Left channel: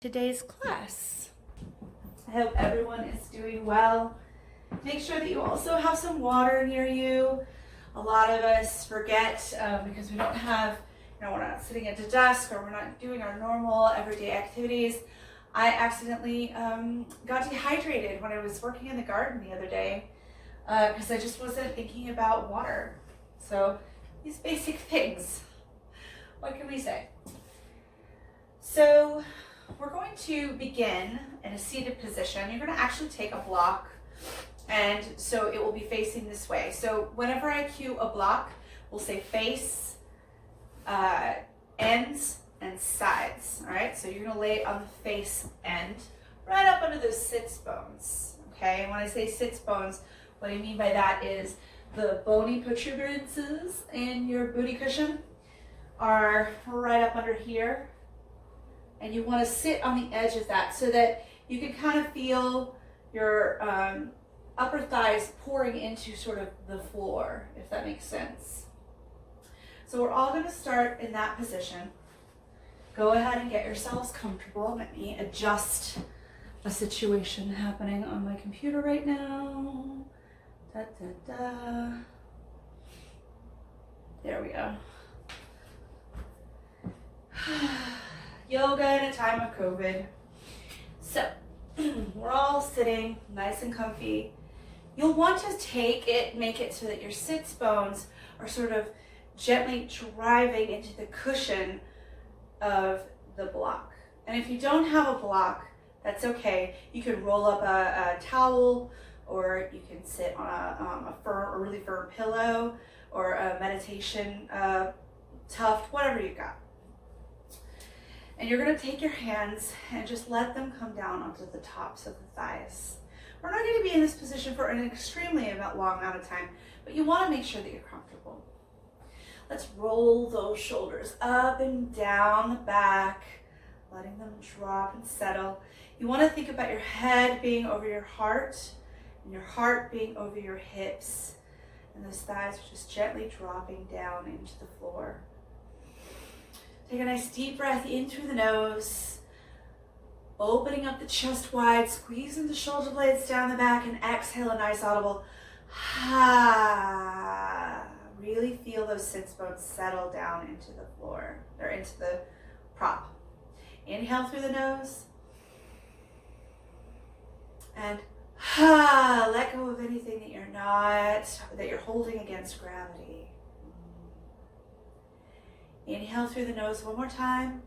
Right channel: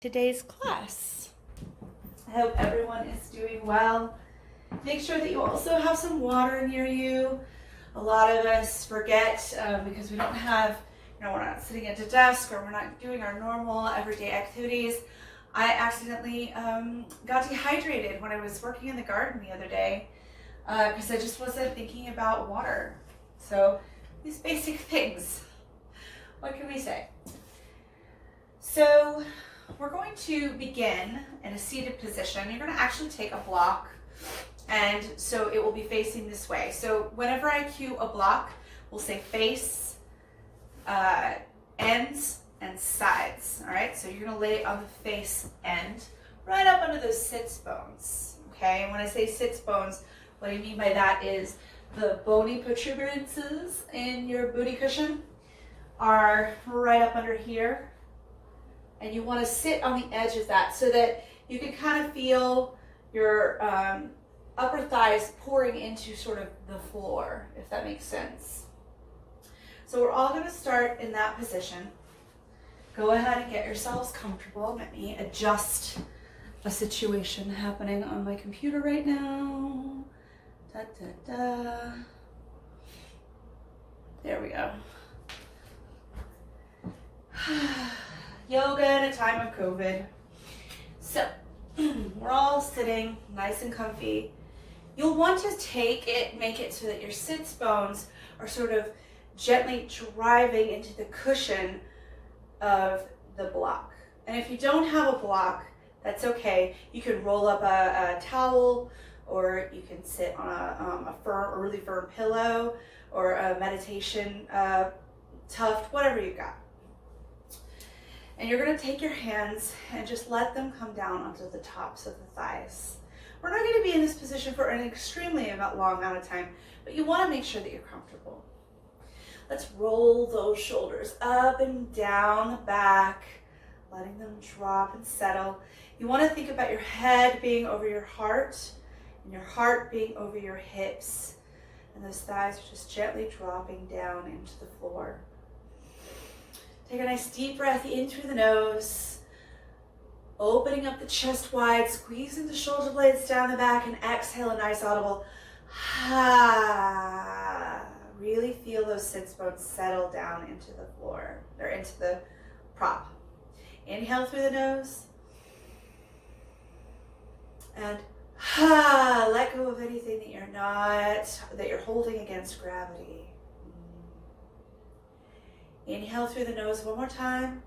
Today's class. I hope everyone is doing well. Make sure that you also have some water near you. A lot of us forget because we don't have, we're not sitting at a desk or we're not doing our normal everyday activities. I accidentally got dehydrated when I was working in the garden the other day because I just wasn't thinking about water. So these basic things, what can we say? So we're going to begin in a seated position. You're going to actually take a block, and so it will be facing this way. So whenever I cue a block, we'll say face, ends, and sides. All right, so you're going to lay it on the face end, right up under those sits bones. Okay, and when I say sits bones, what I mean by that is the bony protuberances in your booty cushion are right up under here. And you want to sit on the edge of that so that you can kind of feel your upper thighs pouring into sort of the floor, if that makes sense. So we're all going to start in that position. Go ahead and get yourselves comfortable. Let me adjust a situation happening on my computer right now. Da, da, da. There we go. Yoga in a time of COVID. So we're all sitting nice and comfy. You'll want to make it so that your sits bones are sort of gently driving into the cushion of the block. And if you don't have a block, that's okay. You can roll up a towel, or you can sit on a really firm pillow, or a meditation tuft, whatever you got. And you're going to take your hands and just let them come down onto the tops of the thighs. We're not going to be in this position for an extremely long amount of time, but you want to make sure that you're comfortable. Let's roll those shoulders up and down the back, letting them drop and settle. You want to think about your head being over your heart and your heart being over your hips. And those thighs are just gently dropping down into the floor. Take a nice deep breath in through the nose, opening up the chest wide, squeezing the shoulder blades down the back, and exhale a nice audible ha. Really feel those sits bones settle down into the floor, or into the prop. Inhale through the nose, and ha. Let go of anything that you're holding against gravity. Inhale through the nose one more time.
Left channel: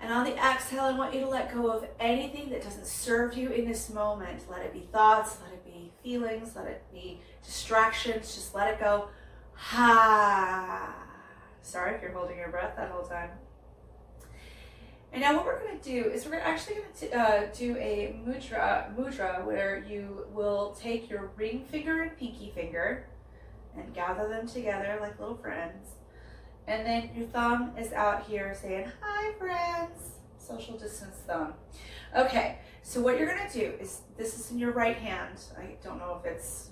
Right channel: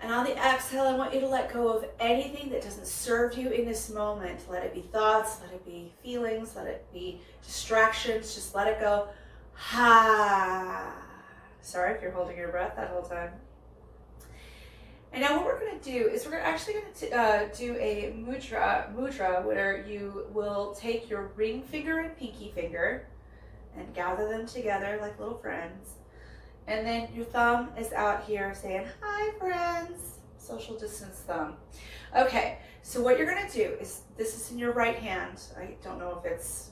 And on the exhale, I want you to let go of anything that doesn't serve you in this moment. Let it be thoughts, let it be feelings, let it be distractions. Just let it go. Ha. Sorry if you're holding your breath that whole time. And now what we're going to do is we're actually going to do a mudra where you will take your ring finger and pinky finger and gather them together like little friends. And then your thumb is out here saying, hi friends, social distance thumb. Okay, so what you're gonna do is, this is in your right hand. I don't know if it's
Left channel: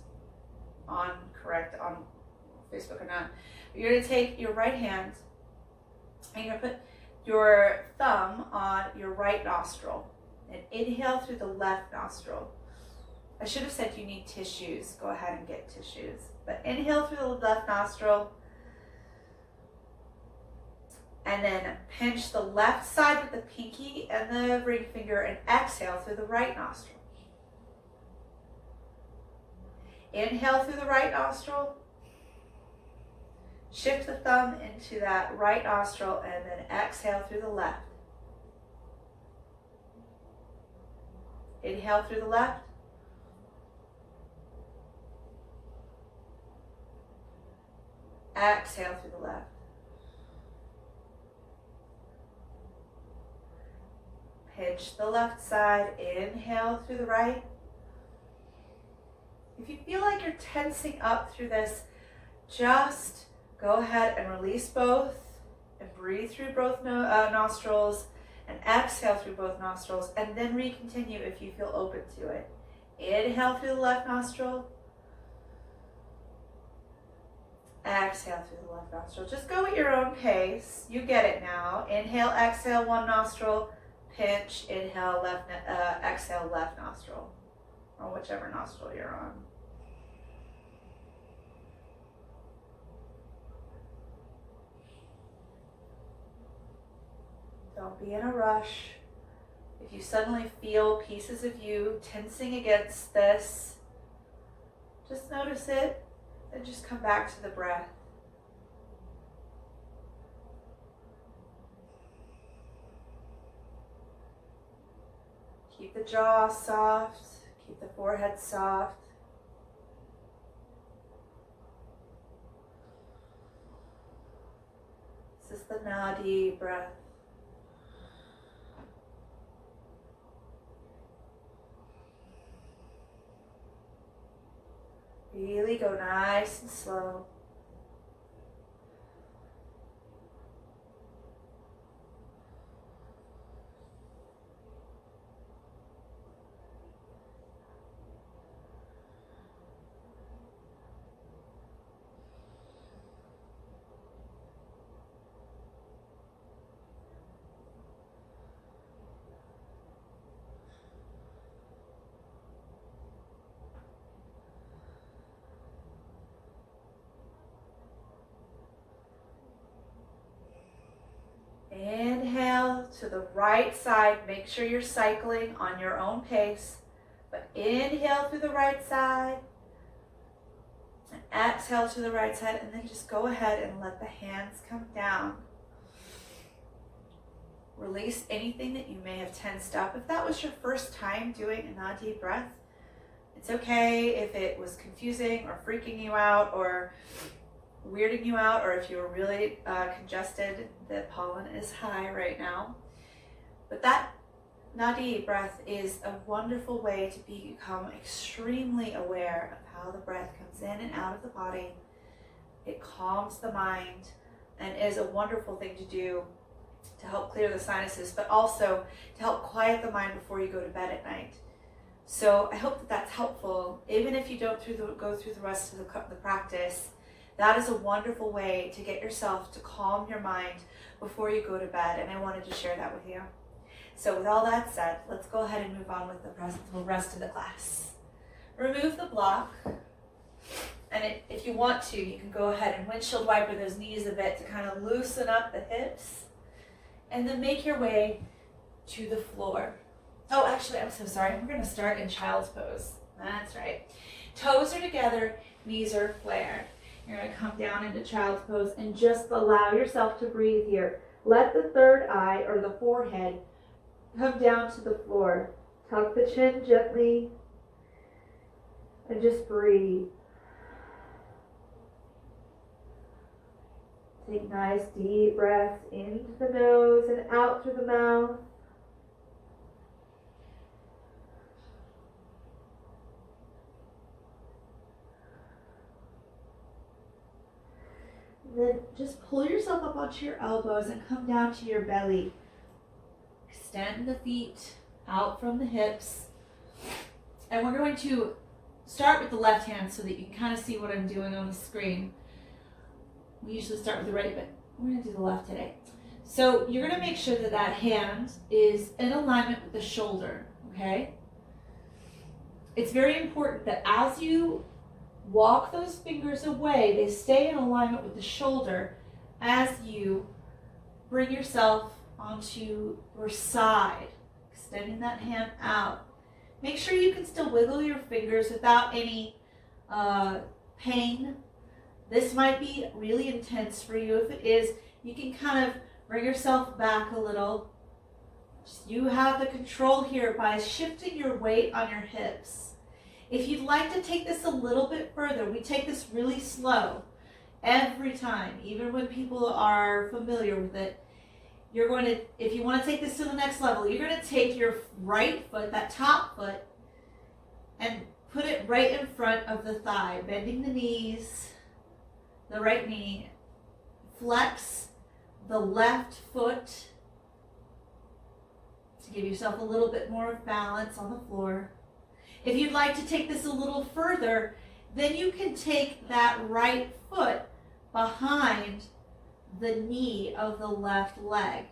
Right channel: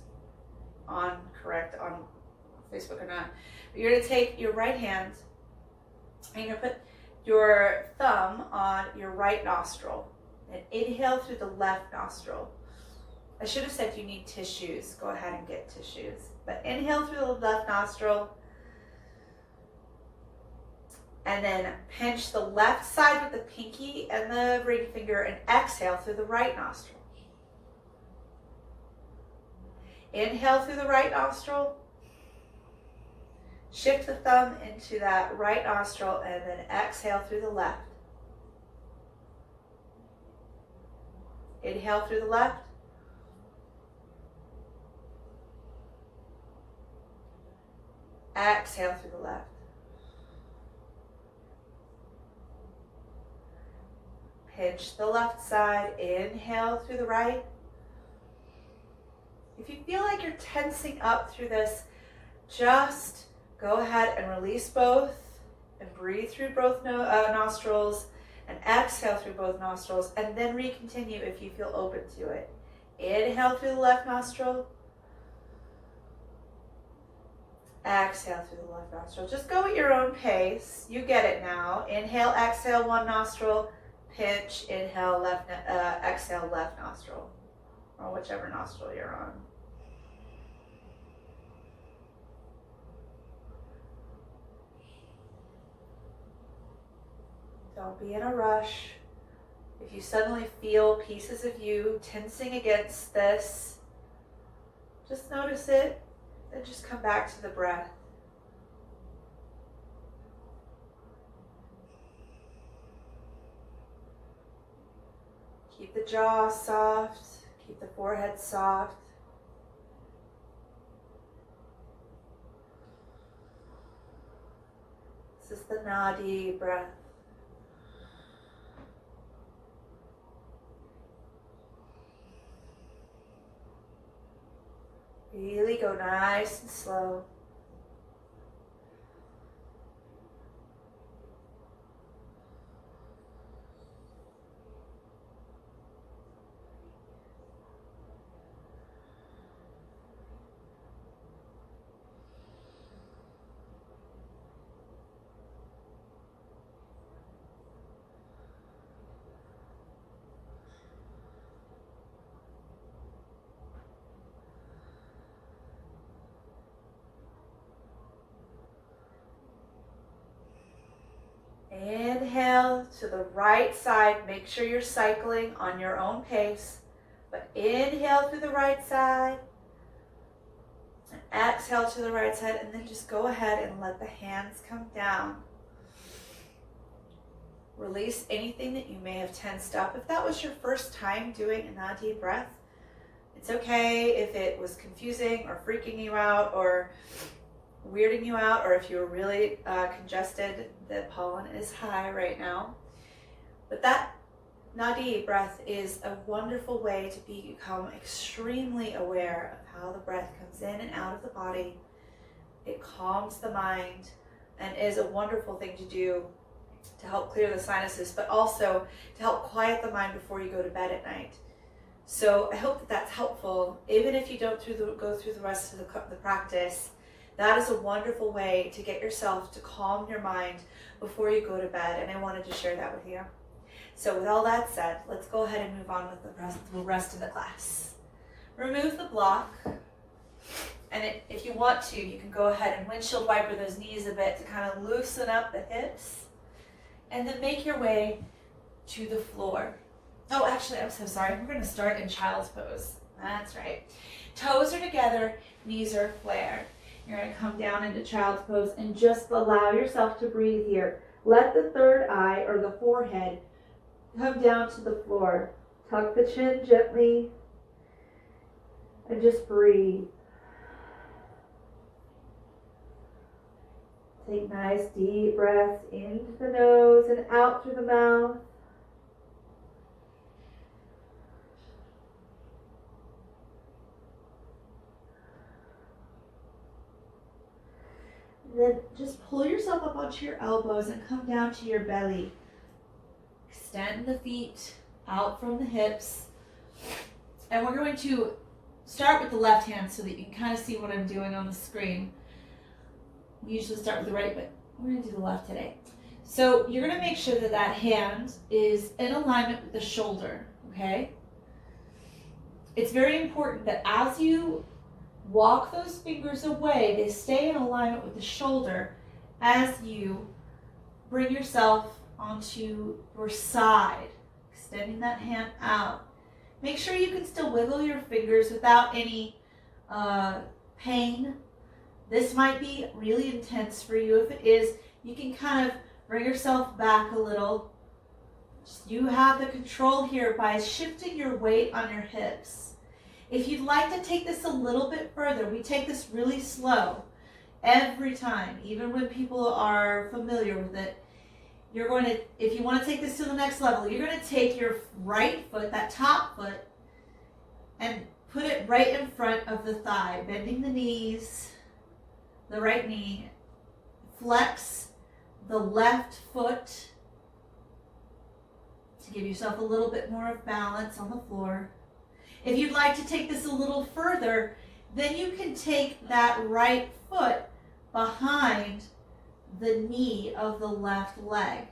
correct on Facebook or not. But you're gonna take your right hand and you're gonna put your thumb on your right nostril and inhale through the left nostril. I should have said you need tissues. Go ahead and get tissues. But inhale through the left nostril. And then pinch the left side with the pinky and the ring finger and exhale through the right nostril. Inhale through the right nostril. Shift the thumb into that right nostril and then exhale through the left. Inhale through the left. Exhale through the left. Pinch the left side, inhale through the right. If you feel like you're tensing up through this, just go ahead and release both and breathe through both nostrils and exhale through both nostrils, and then recontinue if you feel open to it. Inhale through the left nostril. Exhale through the left nostril. Just go at your own pace. You get it now. Inhale, exhale, one nostril. Pinch, inhale, exhale, left nostril. Or whichever nostril you're on. Don't be in a rush. If you suddenly feel pieces of you tensing against this, just notice it, then just come back to the breath. Keep the jaw soft, keep the forehead soft. This is the Nadi breath. Really go nice and slow. Inhale to the right side. Make sure you're cycling on your own pace. But inhale through the right side. And exhale to the right side. And then just go ahead and let the hands come down. Release anything that you may have tensed up. If that was your first time doing a Nadi breath, it's okay if it was confusing or freaking you out or weirding you out, or if you're really congested. The pollen is high right now. But that Nadi breath is a wonderful way to become extremely aware of how the breath comes in and out of the body. It calms the mind and is a wonderful thing to do to help clear the sinuses, but also to help quiet the mind before you go to bed at night. So I hope that that's helpful. Even if you don't go through the rest of the practice, that is a wonderful way to get yourself to calm your mind before you go to bed, and I wanted to share that with you. So with all that said, let's go ahead and move on with the rest of the class. Remove the block, and if you want to, you can go ahead and windshield wiper those knees a bit to kind of loosen up the hips, and then make your way to the floor. Oh, actually, I'm so sorry. We're going to start in child's pose. That's right. Toes are together, knees are flared. You're going to come down into child's pose and just allow yourself to breathe here. Let the third eye or the forehead come down to the floor. Tuck the chin gently and just breathe. Take nice deep breaths into the nose and out through the mouth. Then just pull yourself up onto your elbows and come down to your belly. Extend the feet out from the hips. And we're going to start with the left hand so that you can kind of see what I'm doing on the screen. We usually start with the right, but we're going to do the left today. So you're going to make sure that that hand is in alignment with the shoulder, okay? It's very important that as you walk those fingers away, they stay in alignment with the shoulder as you bring yourself onto your side, extending that hand out. Make sure you can still wiggle your fingers without any pain. This might be really intense for you. If it is, you can kind of bring yourself back a little. You have the control here by shifting your weight on your hips. If you'd like to take this a little bit further, we take this really slow every time, even when people are familiar with it. You're going to, if you want to take this to the next level, you're going to take your right foot, that top foot, and put it right in front of the thigh, bending the knees, the right knee. Flex the left foot to give yourself a little bit more of balance on the floor. If you'd like to take this a little further, then you can take that right foot behind the knee of the left leg.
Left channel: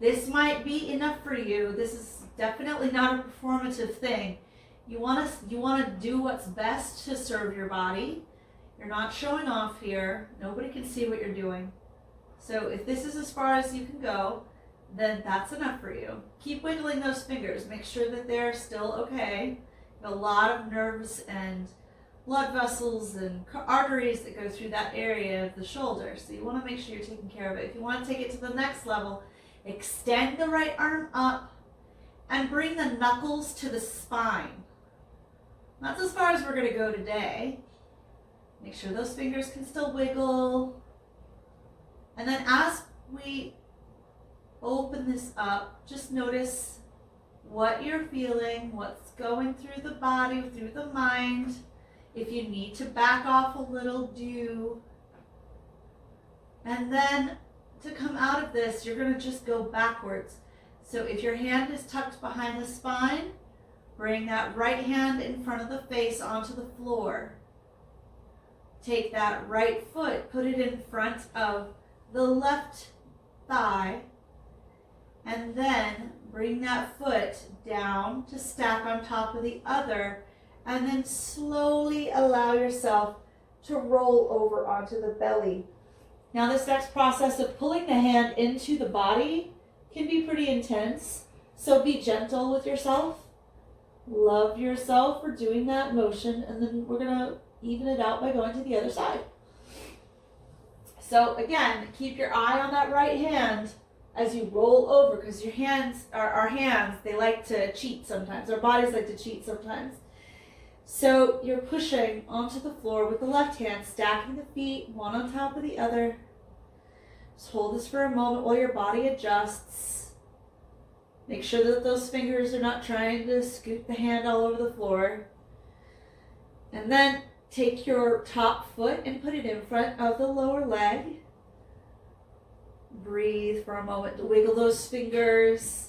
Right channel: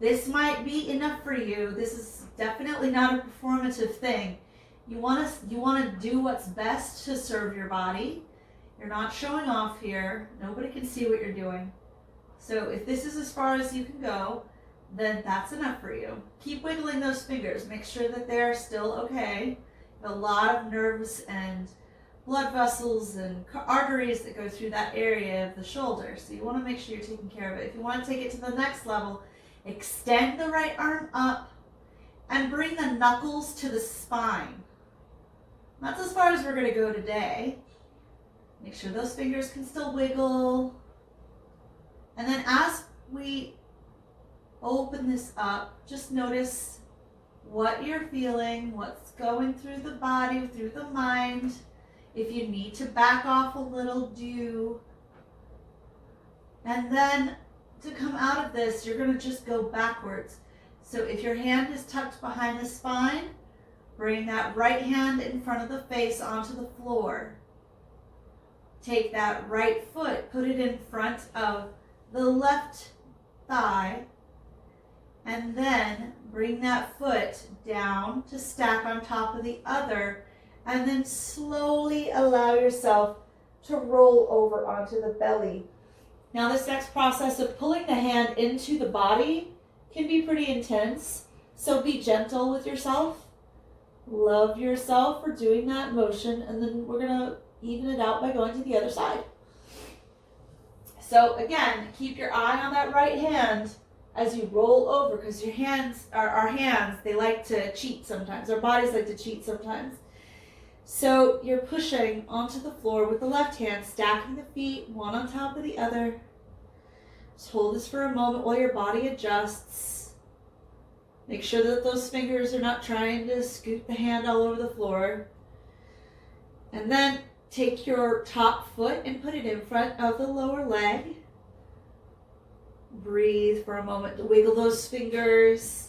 This might be enough for you. This is definitely not a performative thing. You want to do what's best to serve your body. You're not showing off here. Nobody can see what you're doing. So if this is as far as you can go, then that's enough for you. Keep wiggling those fingers. Make sure that they're still okay. A lot of nerves and blood vessels and arteries that go through that area of the shoulder. So you want to make sure you're taking care of it. If you want to take it to the next level, extend the right arm up and bring the knuckles to the spine. That's as far as we're going to go today. Make sure those fingers can still wiggle. And then as we open this up, just notice what you're feeling, what's going through the body, through the mind. If you need to back off a little, do. And then to come out of this, you're going to just go backwards. So if your hand is tucked behind the spine, bring that right hand in front of the face onto the floor. Take that right foot, put it in front of the left thigh, and then bring that foot down to stack on top of the other, and then slowly allow yourself to roll over onto the belly. Now this next process of pulling the hand into the body can be pretty intense, so be gentle with yourself. Love yourself for doing that motion, and then we're going to even it out by going to the other side. So again, keep your eye on that right hand as you roll over, because your hands, our hands, they like to cheat sometimes. Our bodies like to cheat sometimes. So you're pushing onto the floor with the left hand, stacking the feet one on top of the other. Just hold this for a moment while your body adjusts. Make sure that those fingers are not trying to scoot the hand all over the floor. And then take your top foot and put it in front of the lower leg. Breathe for a moment to wiggle those fingers.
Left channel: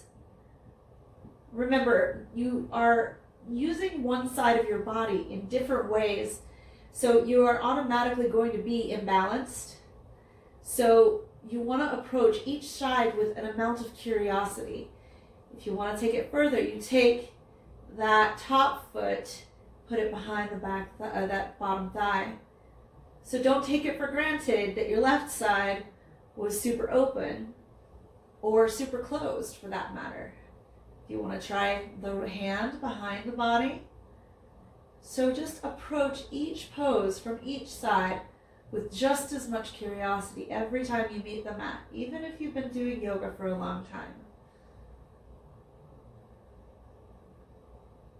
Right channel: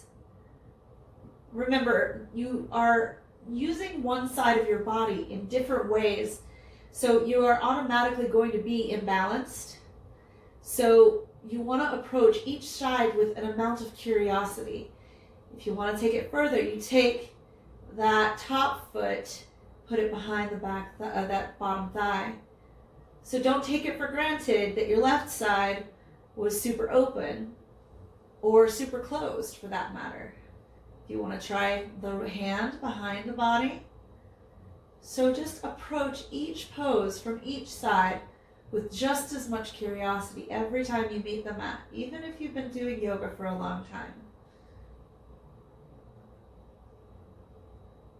Remember, you are using one side of your body in different ways, so you are automatically going to be imbalanced. So you want to approach each side with an amount of curiosity. If you want to take it further, you take that top foot, put it behind the back, that bottom thigh. So don't take it for granted that your left side was super open or super closed for that matter. If you want to try the hand behind the body. So just approach each pose from each side with just as much curiosity every time you meet the mat, even if you've been doing yoga for a long time.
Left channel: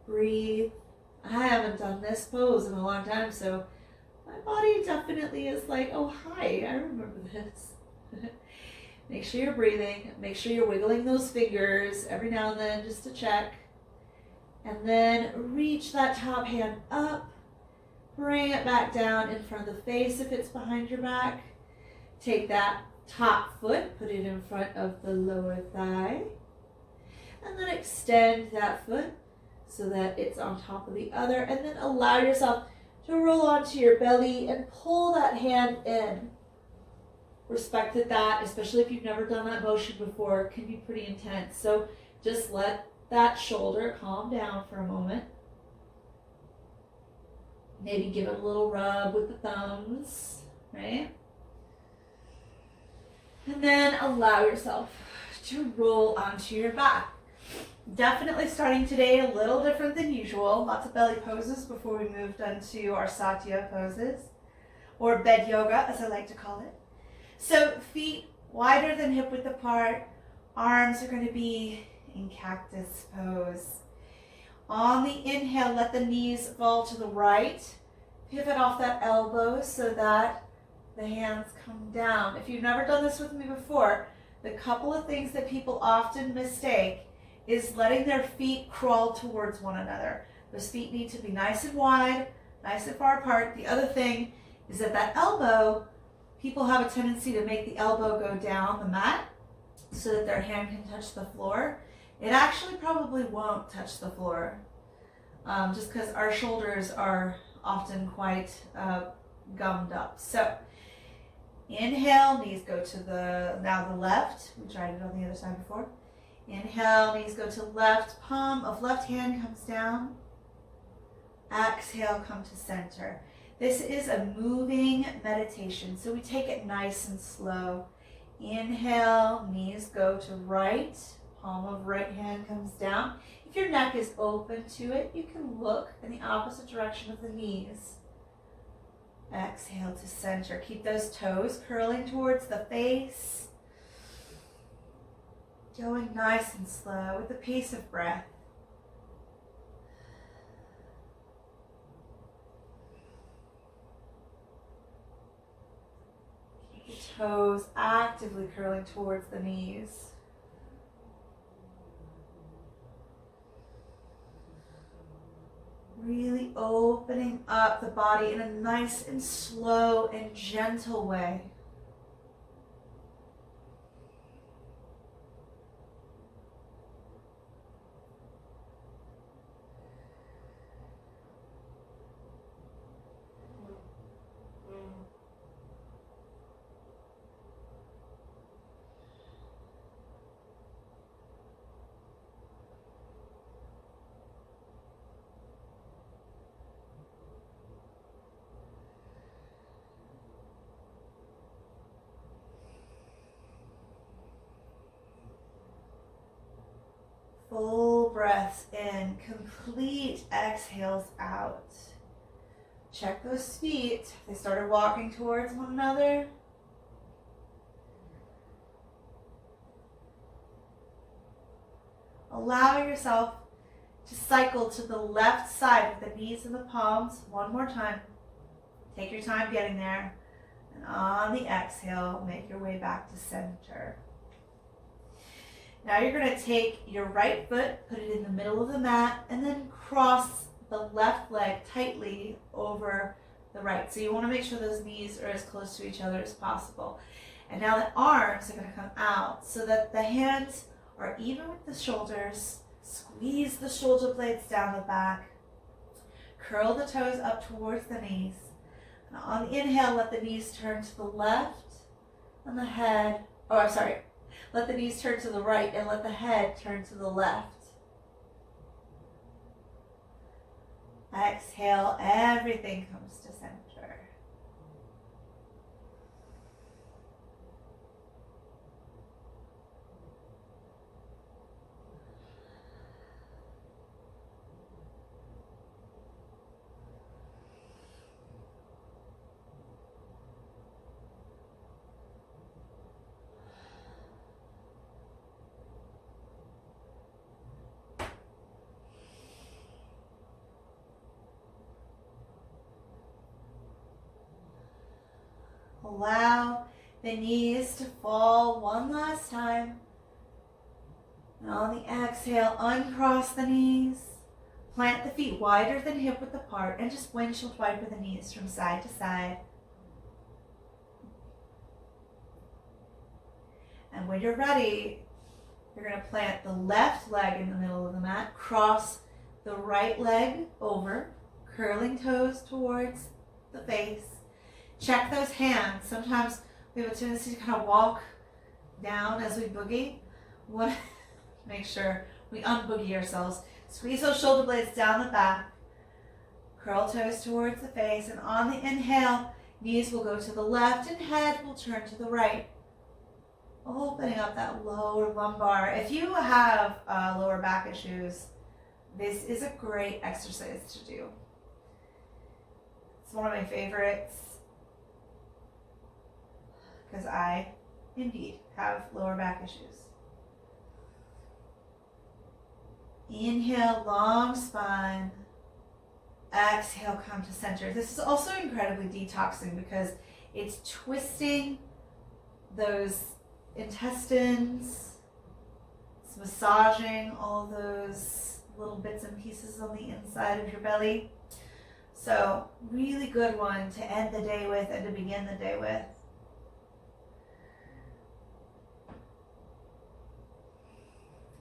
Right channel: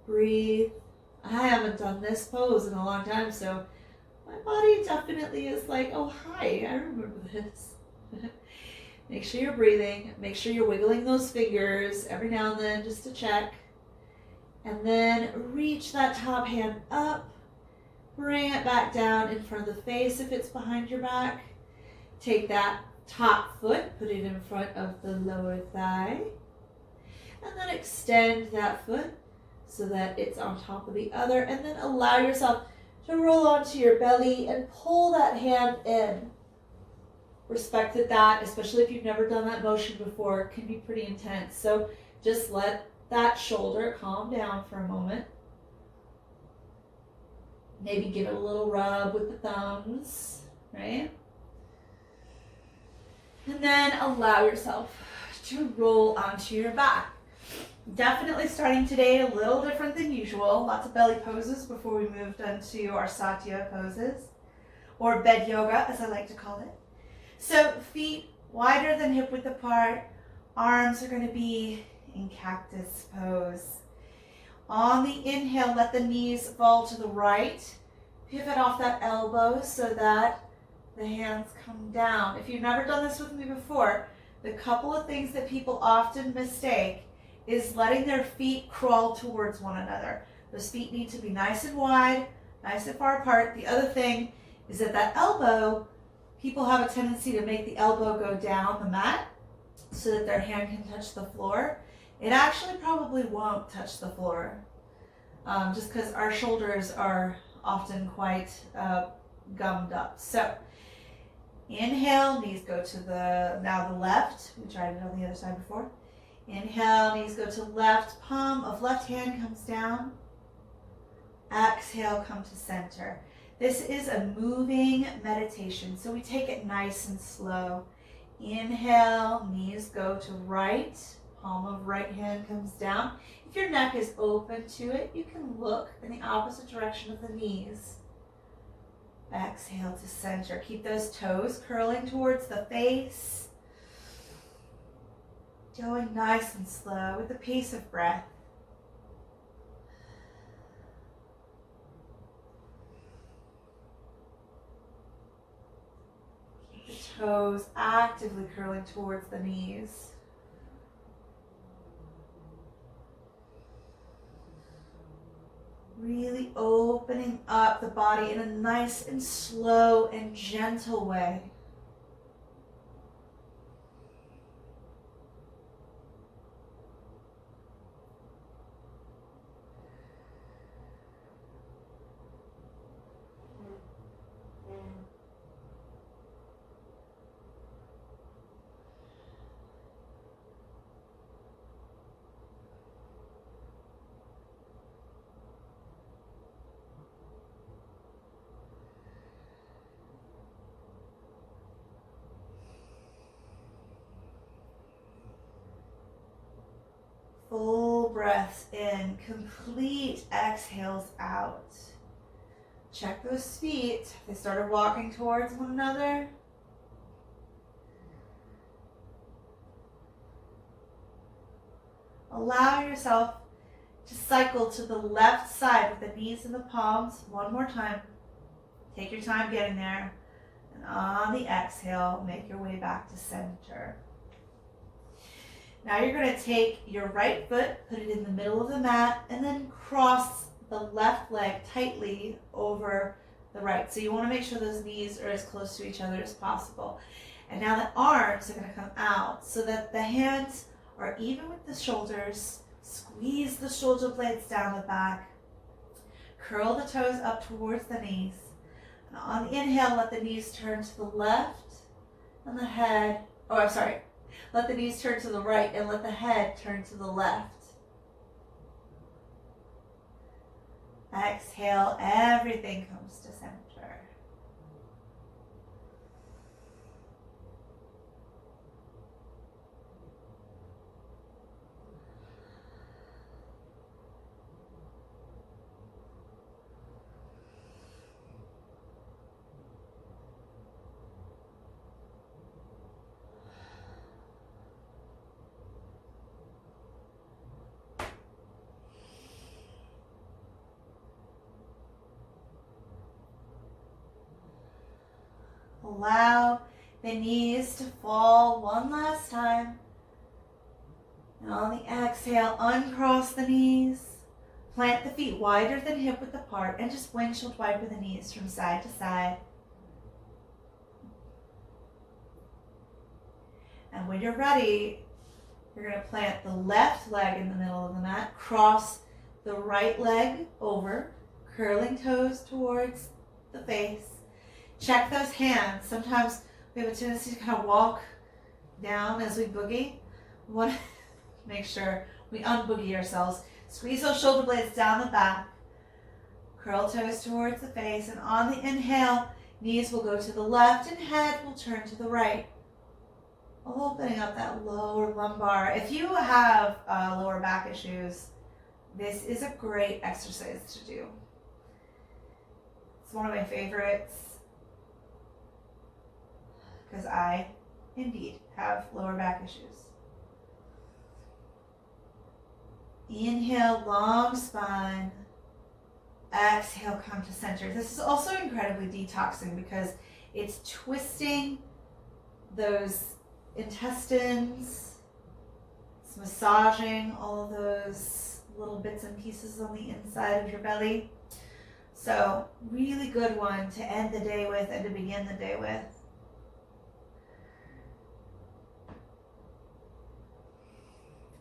Breathe. I haven't done this pose in a long time, so my body definitely is like, oh, hi, I remember this. Make sure you're breathing. Make sure you're wiggling those fingers every now and then just to check. And then reach that top hand up. Bring it back down in front of the face if it's behind your back. Take that top foot, put it in front of the lower thigh. And then extend that foot so that it's on top of the other, and then allow yourself to roll onto your belly and pull that hand in. Respect that, especially if you've never done that motion before, it can be pretty intense. So just let that shoulder calm down for a moment. Maybe give it a little rub with the thumbs, right? And then allow yourself to roll onto your back. Definitely starting today a little different than usual. Lots of belly poses before we moved into our Satya poses, or bed yoga as I like to call it. So feet wider than hip width apart. Arms are going to be in cactus pose. On the inhale, let the knees fall to the right. Pivot off that elbow so that the hands come down. If you've never done this with me before, the couple of things that people often mistake is letting their feet crawl towards one another. Those feet need to be nice and wide, nice and far apart. The other thing is that elbow, people have a tendency to make the elbow go down the mat so that their hand can touch the floor. It actually probably won't touch the floor, just because our shoulders are often quite gummed up. So Inhale, knees go to now the left. We tried it on the other side before. Inhale, knees go to left, palm of left hand comes down. Exhale, come to center. This is a moving meditation, so we take it nice and slow. Inhale, knees go to right, palm of right hand comes down. If your neck is open to it, you can look in the opposite direction of the knees. Exhale to center. Keep those toes curling towards the face. Going nice and slow with the pace of breath. Keep the toes actively curling towards the knees. Really opening up the body in a nice and slow and gentle way. Full breaths in, complete exhales out. Check those feet. They started walking towards one another. Allow yourself to cycle to the left side with the knees and the palms one more time. Take your time getting there. And on the exhale, make your way back to center. Now you're going to take your right foot, put it in the middle of the mat, and then cross the left leg tightly over the right. So you want to make sure those knees are as close to each other as possible. And now the arms are going to come out so that the hands are even with the shoulders. Squeeze the shoulder blades down the back. Curl the toes up towards the knees. And on the inhale, let the knees turn to the left and the head, let the knees turn to the right and let the head turn to the left. Exhale, everything comes to center. Allow the knees to fall one last time. And on the exhale, uncross the knees. Plant the feet wider than hip width apart and just windshield wiper the knees from side to side. And when you're ready, you're going to plant the left leg in the middle of the mat, cross the right leg over, curling toes towards the face. Check those hands. Sometimes we have a tendency to kind of walk down as we boogie. We want to make sure we unboogie ourselves. Squeeze those shoulder blades down the back. Curl toes towards the face. And on the inhale, knees will go to the left and head will turn to the right. Opening up that lower lumbar. If you have lower back issues, this is a great exercise to do. It's one of my favorites, because I, indeed, have lower back issues. Inhale, long spine. Exhale, come to center. This is also incredibly detoxing because it's twisting those intestines. It's massaging all those little bits and pieces on the inside of your belly. So, really good one to end the day with and to begin the day with.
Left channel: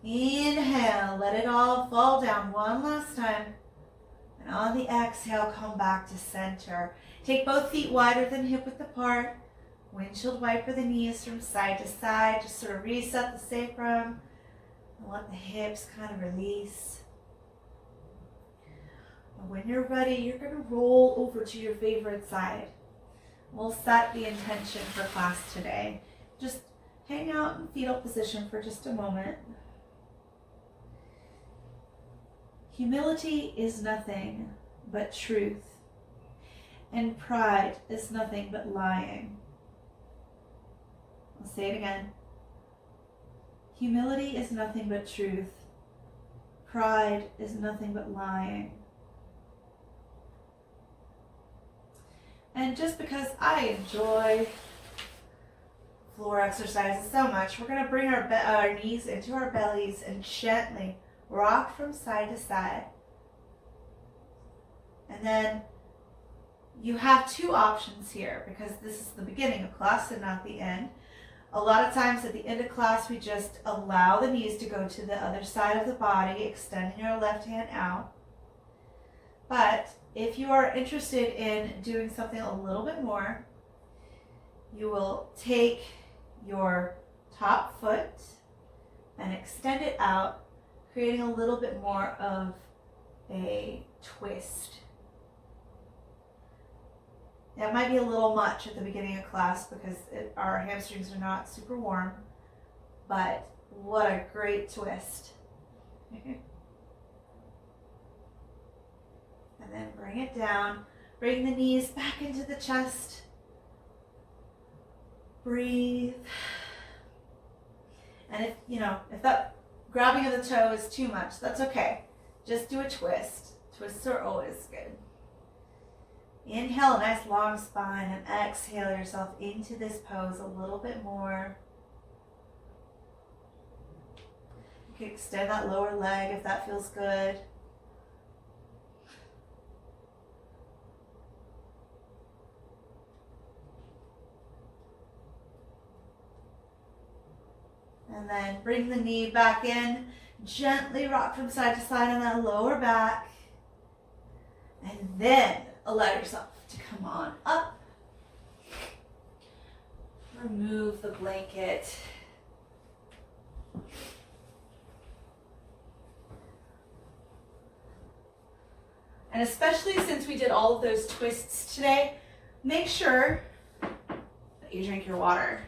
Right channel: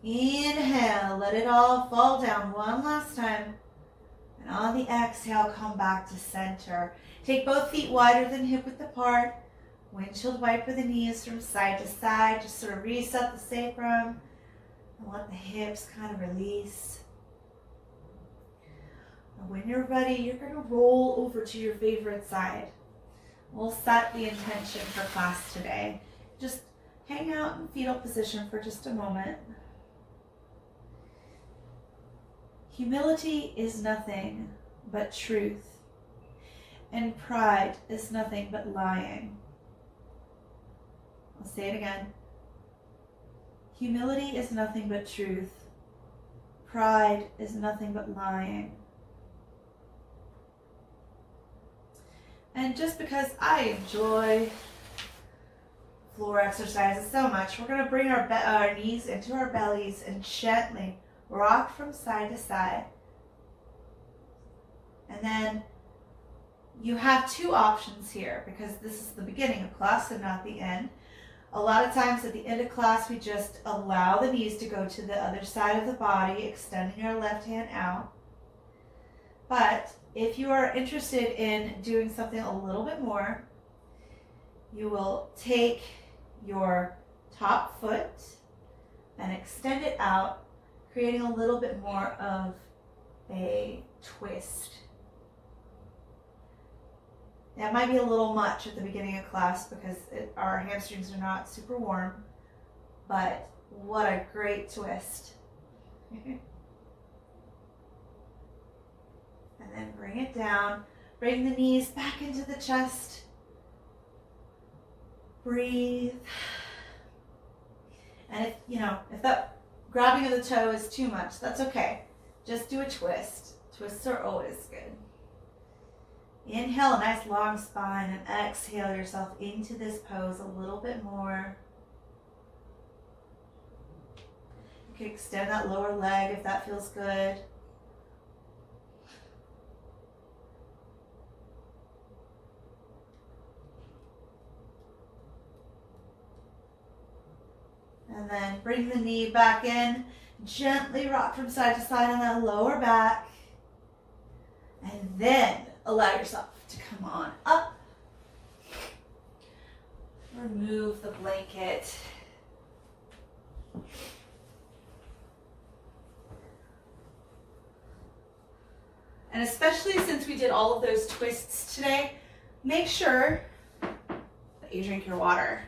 Inhale, let it all fall down one last time. And on the exhale, come back to center. Take both feet wider than hip width apart. Windshield wiper the knees from side to side. Just sort of reset the sacrum and let the hips kind of release. And when you're ready, you're going to roll over to your favorite side. We'll set the intention for class today. Just hang out in fetal position for just a moment. Humility is nothing but truth, and pride is nothing but lying. I'll say it again. Humility is nothing but truth. Pride is nothing but lying. And just because I enjoy floor exercises so much, we're going to bring our knees into our bellies and gently rock from side to side. And then you have two options here, because this is the beginning of class and not the end. A lot of times at the end of class, we just allow the knees to go to the other side of the body, extending our left hand out. But if you are interested in doing something a little bit more, you will take your top foot and extend it out, creating a little bit more of a twist. That might be a little much at the beginning of class because our hamstrings are not super warm, but what a great twist. And then bring it down, bring the knees back into the chest. Breathe. And if that grabbing of the toe is too much, that's okay. Just do a twist. Twists are always good. Inhale, a nice long spine, and exhale yourself into this pose a little bit more. You can extend that lower leg if that feels good. And then bring the knee back in. Gently rock from side to side on that lower back. And then allow yourself to come on up. Remove the blanket. And especially since we did all of those twists today, make sure that you drink your water.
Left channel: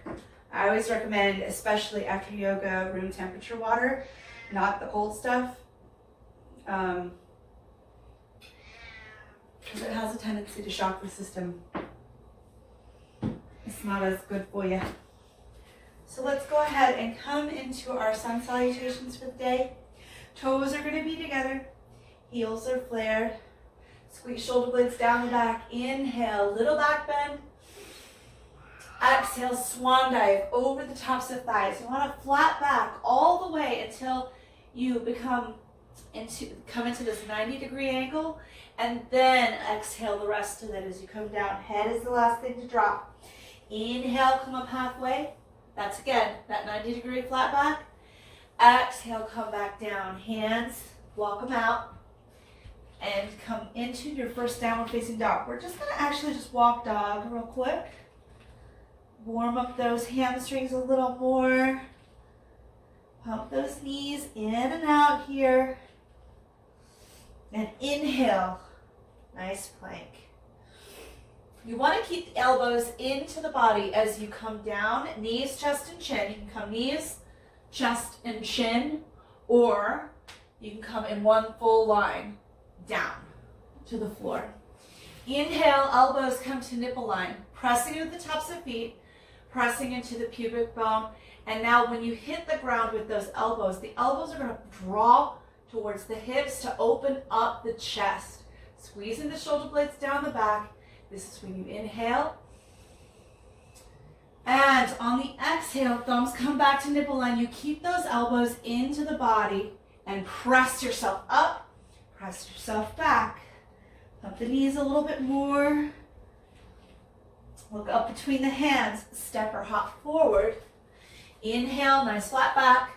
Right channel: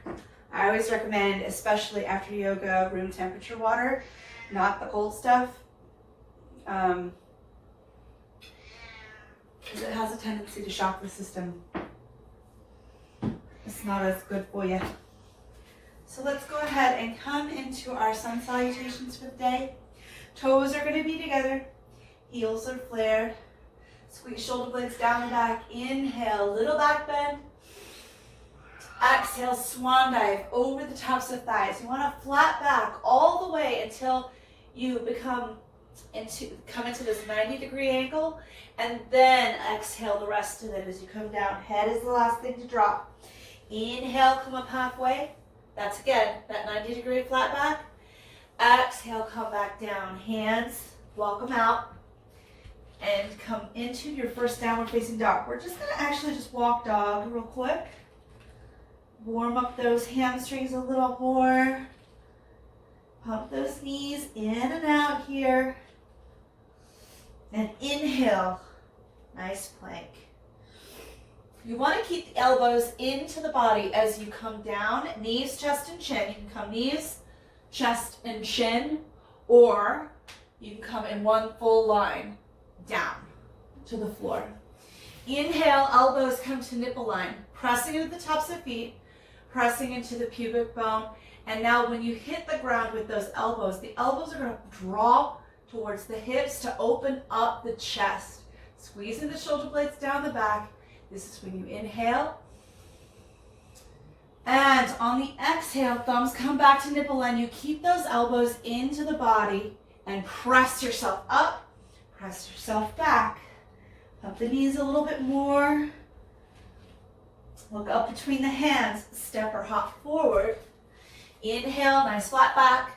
I always recommend, especially after yoga, room temperature water, not the cold stuff. Because it has a tendency to shock the system. It's not as good for you. So let's go ahead and come into our sun salutations for the day. Toes are going to be together. Heels are flared. Squeeze shoulder blades down the back. Inhale, little back bend. Exhale, swan dive over the tops of thighs. You want to flat back all the way until you come into this 90-degree angle, and then exhale the rest of it as you come down. Head is the last thing to drop. Inhale, come up halfway. That's again, that 90-degree flat back. Exhale, come back down. Hands, walk them out, and come into your first downward facing dog. We're just going to actually just walk dog real quick. Warm up those hamstrings a little more. Pump those knees in and out here. And inhale, nice plank. You want to keep the elbows into the body as you come down, knees, chest, and chin. You can come knees, chest, and chin, or you can come in one full line down to the floor. Inhale, elbows come to nipple line, pressing into the tops of feet, pressing into the pubic bone. And now when you hit the ground with those elbows, the elbows are going to draw towards the hips to open up the chest. Squeezing the shoulder blades down the back. This is when you inhale. And on the exhale, thumbs come back to nipple line. You keep those elbows into the body and press yourself up, press yourself back. Up the knees a little bit more. Look up between the hands, step or hop forward. Inhale, nice flat back.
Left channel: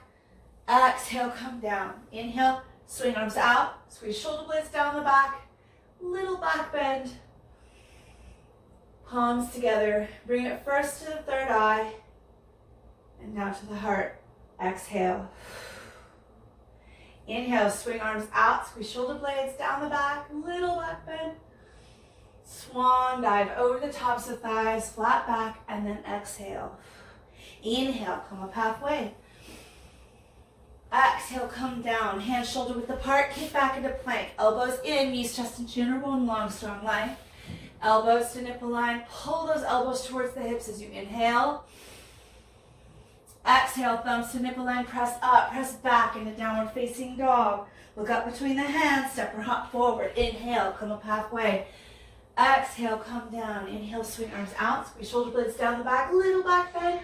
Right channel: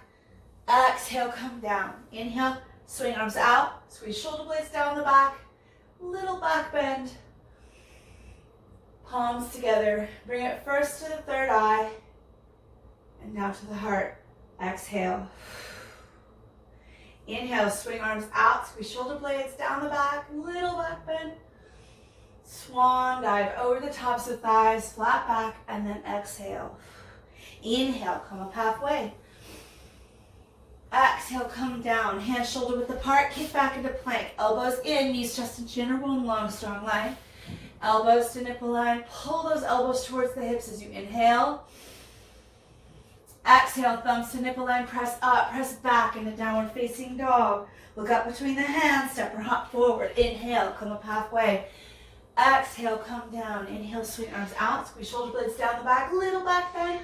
Exhale, come down. Inhale, swing arms out, squeeze shoulder blades down the back, little back bend. palms together. Bring it first to the third eye and now to the heart. Exhale. Inhale, swing arms out, squeeze shoulder blades down the back, little back bend. Swan dive over the tops of thighs, flat back, and then exhale. Inhale, come up halfway. Exhale, come down, hands shoulder width apart, kick back into plank. Elbows in, knees, chest, and chin are one long, strong line. Elbows to nipple line. Pull those elbows towards the hips as you inhale. Exhale, thumbs to nipple line, press up, press back into downward facing dog. Look up between the hands, step or hop forward. Inhale, come up halfway. Exhale, come down. Inhale, swing arms out, squeeze shoulder blades down the back, little back bend.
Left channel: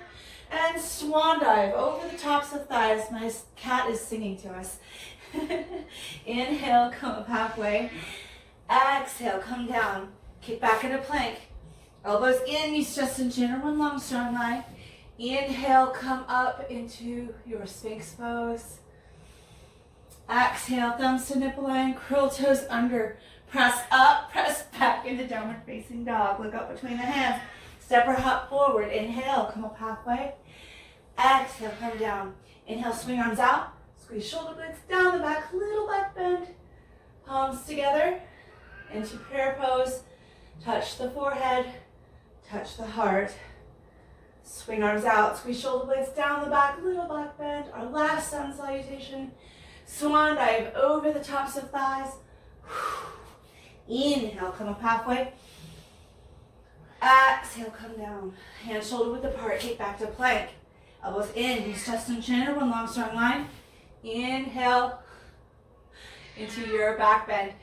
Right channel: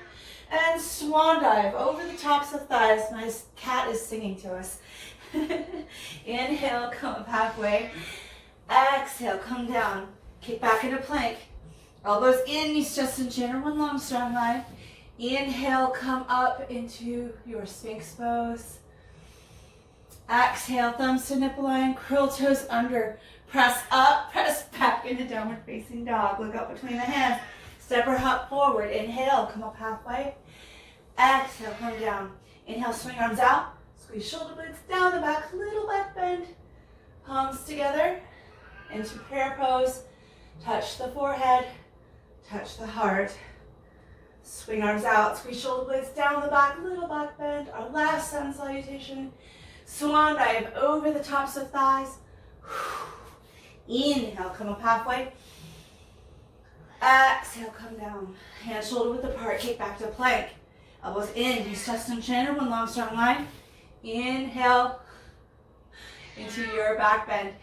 And swan dive over the tops of thighs. My cat is singing to us. Inhale, come up halfway. Exhale, come down. Kick back into plank. Elbows in, knees, chest, and chin are one long, strong line. Inhale, come up into your Sphinx pose. Exhale, thumbs to nipple line, curl toes under. Press up, press back into downward facing dog. Look up between the hands. Step or hop forward. Inhale, come up halfway. Exhale, come down. Inhale, swing arms out. Squeeze shoulder blades down the back, little back bend. Palms together into prayer pose. Touch the forehead, touch the heart. Swing arms out, squeeze shoulder blades down the back, little back bend. Our last sun salutation. Swan dive over the tops of thighs. Inhale, come up halfway. Exhale, come down. Hands shoulder width apart, kick back to plank. Elbows in, knees, chest, and chin are one long, strong line. Inhale into your back bend.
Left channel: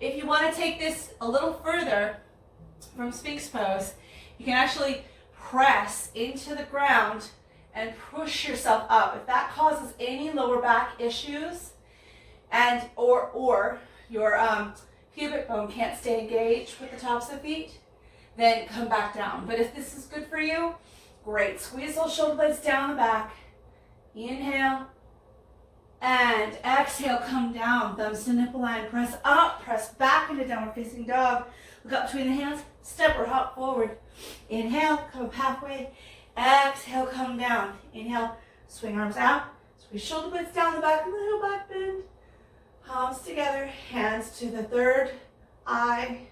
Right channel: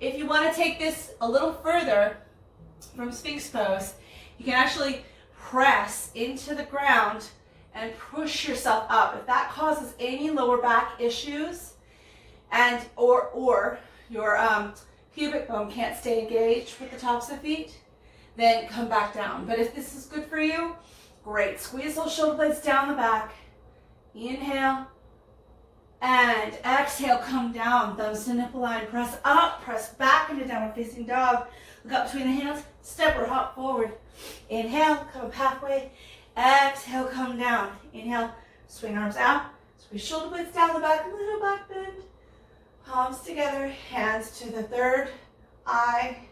If you want to take this a little further from Sphinx pose, you can actually press into the ground and push yourself up. If that causes any lower back issues and or your pubic bone can't stay engaged with the tops of feet, then come back down. But if this is good for you, great. Squeeze those shoulder blades down the back. Inhale and exhale, come down. Thumbs to nipple line, press up, press back into downward facing dog. Look up between the hands, step or hop forward. Inhale, come up halfway. Exhale, come down. Inhale, swing arms out. Squeeze shoulder blades down the back, little back bend. Palms together, hands to the third eye,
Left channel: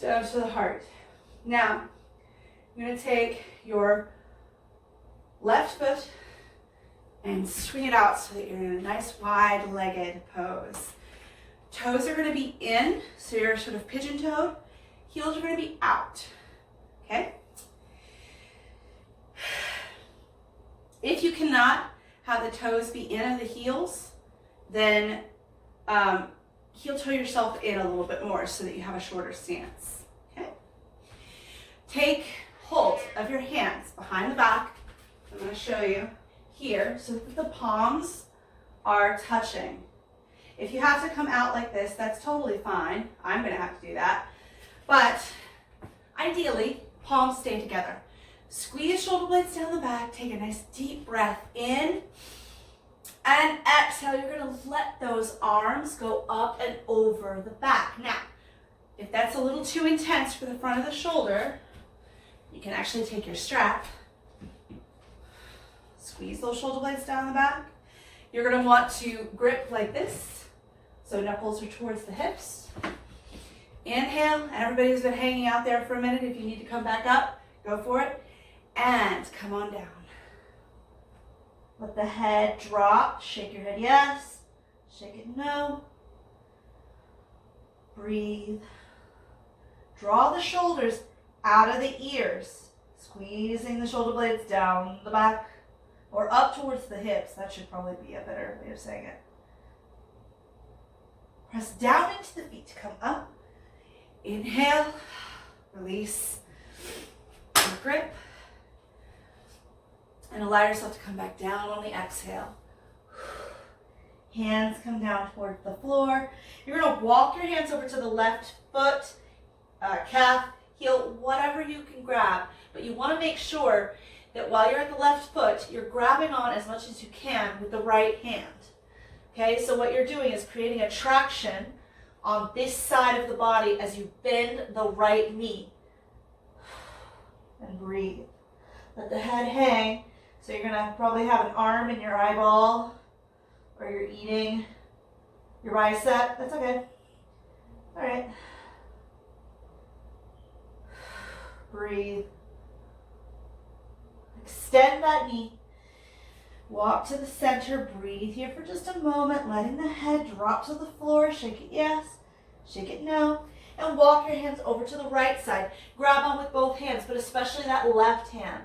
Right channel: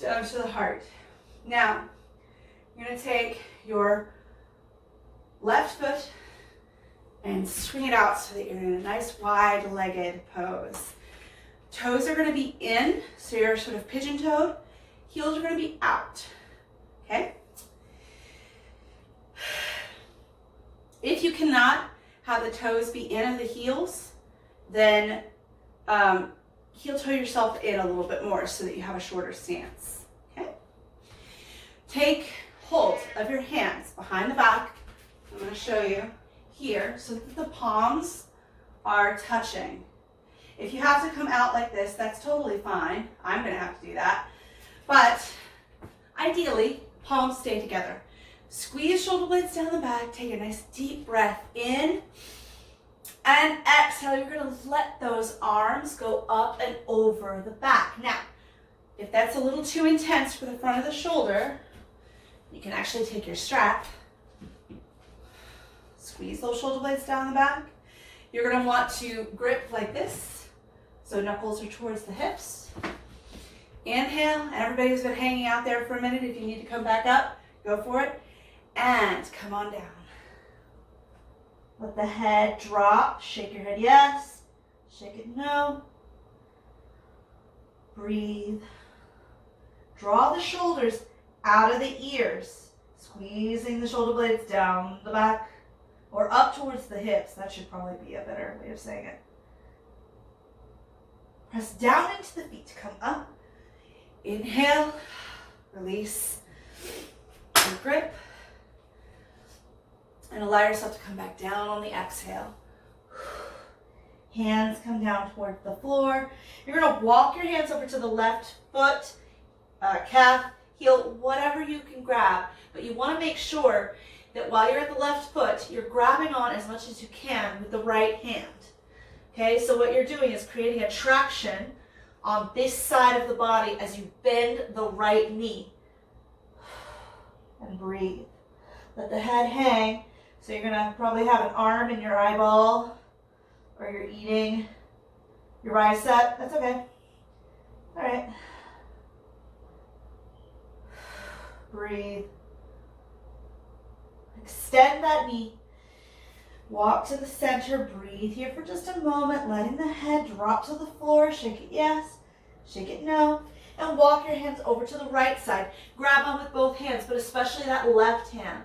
down to the heart. Now, you're going to take your left foot and swing it out so that you're in a nice wide-legged pose. Toes are going to be in, so you're sort of pigeon-toed. Heels are going to be out, okay? If you cannot have the toes be in and the heels, then heel toe yourself in a little bit more so that you have a shorter stance, okay? Take hold of your hands behind the back. I'm going to show you here so that the palms are touching. If you have to come out like this, that's totally fine. I'm going to have to do that. But ideally, palms stay together. Squeeze shoulder blades down the back. Take a nice deep breath in. And exhale, you're going to let those arms go up and over the back. Now, if that's a little too intense for the front of the shoulder, you can actually take your strap. Squeeze those shoulder blades down the back. You're going to want to grip like this, so knuckles are towards the hips. Inhale, and everybody who's been hanging out there for a minute, if you need to come back up, go for it. And come on down. Let the head drop. Shake your head yes. Shake it no. Breathe. Draw the shoulders out of the ears. Squeezing the shoulder blades down the back or up towards the hips. That should probably be a better way of saying it. Press down into the feet to come up. Inhale. Release. And grip. And allow yourself to come back down on the exhale. Hands come down toward the floor. You're going to walk your hands over to the left foot, calf, heel, whatever you can grab. But you want to make sure that while you're at the left foot, you're grabbing on as much as you can with the right hand. Okay, so what you're doing is creating a traction on this side of the body as you bend the right knee. and breathe. Let the head hang. So you're gonna probably have an arm in your eyeball, or you're eating your bicep. That's okay. All right. Breathe. Extend that knee. Walk to the center. Breathe here for just a moment, letting the head drop to the floor. Shake it yes, shake it no. And walk your hands over to the right side. Grab on with both hands, but especially that left hand.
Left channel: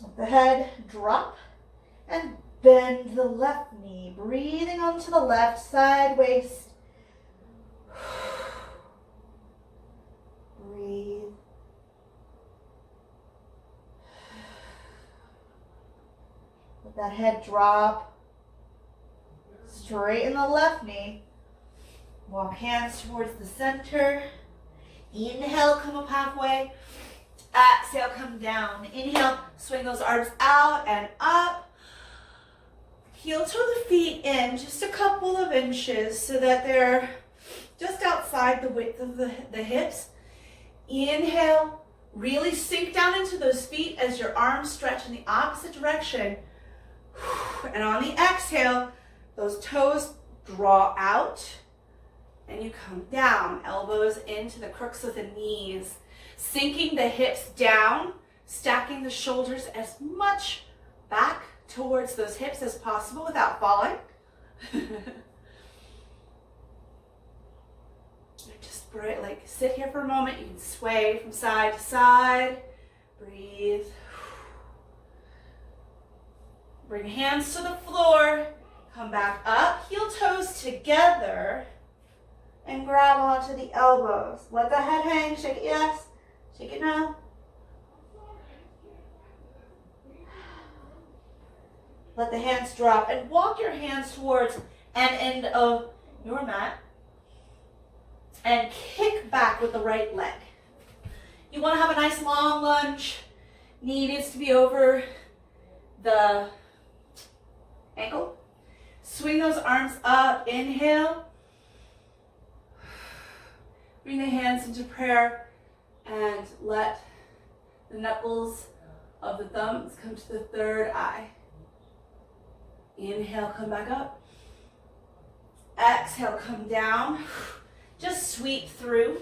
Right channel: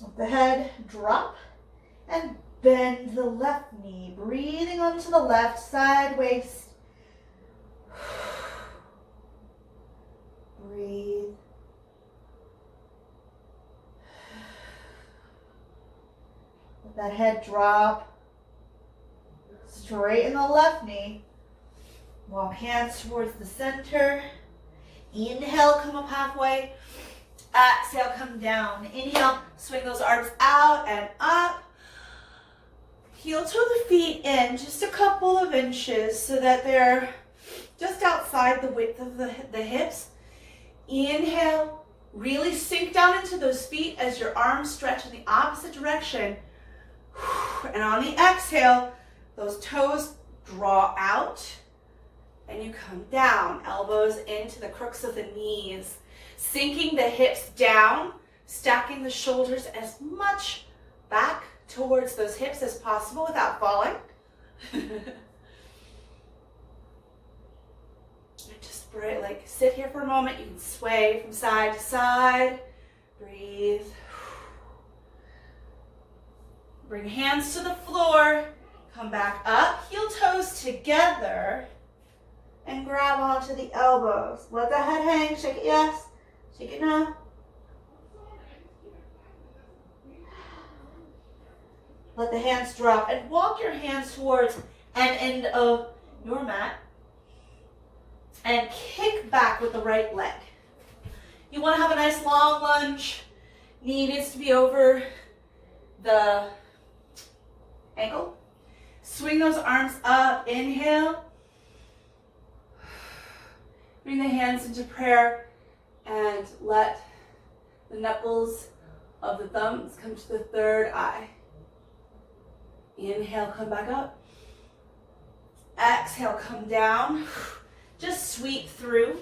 Let the head drop and bend the left knee. Breathing onto the left side waist. Breathe. Let that head drop. Straighten the left knee. Walk hands towards the center. Inhale, come up halfway. Exhale, come down. Inhale, swing those arms out and up. Heel toe the feet in just a couple of inches so that they're just outside the width of the hips. Inhale, really sink down into those feet as your arms stretch in the opposite direction. And on the exhale, those toes draw out and you come down. Elbows into the crooks of the knees. Sinking the hips down, stacking the shoulders as much back towards those hips as possible without falling. Just like sit here for a moment. You can sway from side to side. Breathe. Bring hands to the floor. Come back up, heel toes together, and grab onto the elbows. Let the head hang. Shake it yes. Shake it now. Let the hands drop and walk your hands towards an end of your mat and kick back with the right leg. You want to have a nice long lunge. Knee needs to be over the ankle. Swing those arms up. Inhale. Bring the hands into prayer. And let the knuckles of the thumbs come to the third eye. Inhale, come back up. Exhale, come down. Just sweep through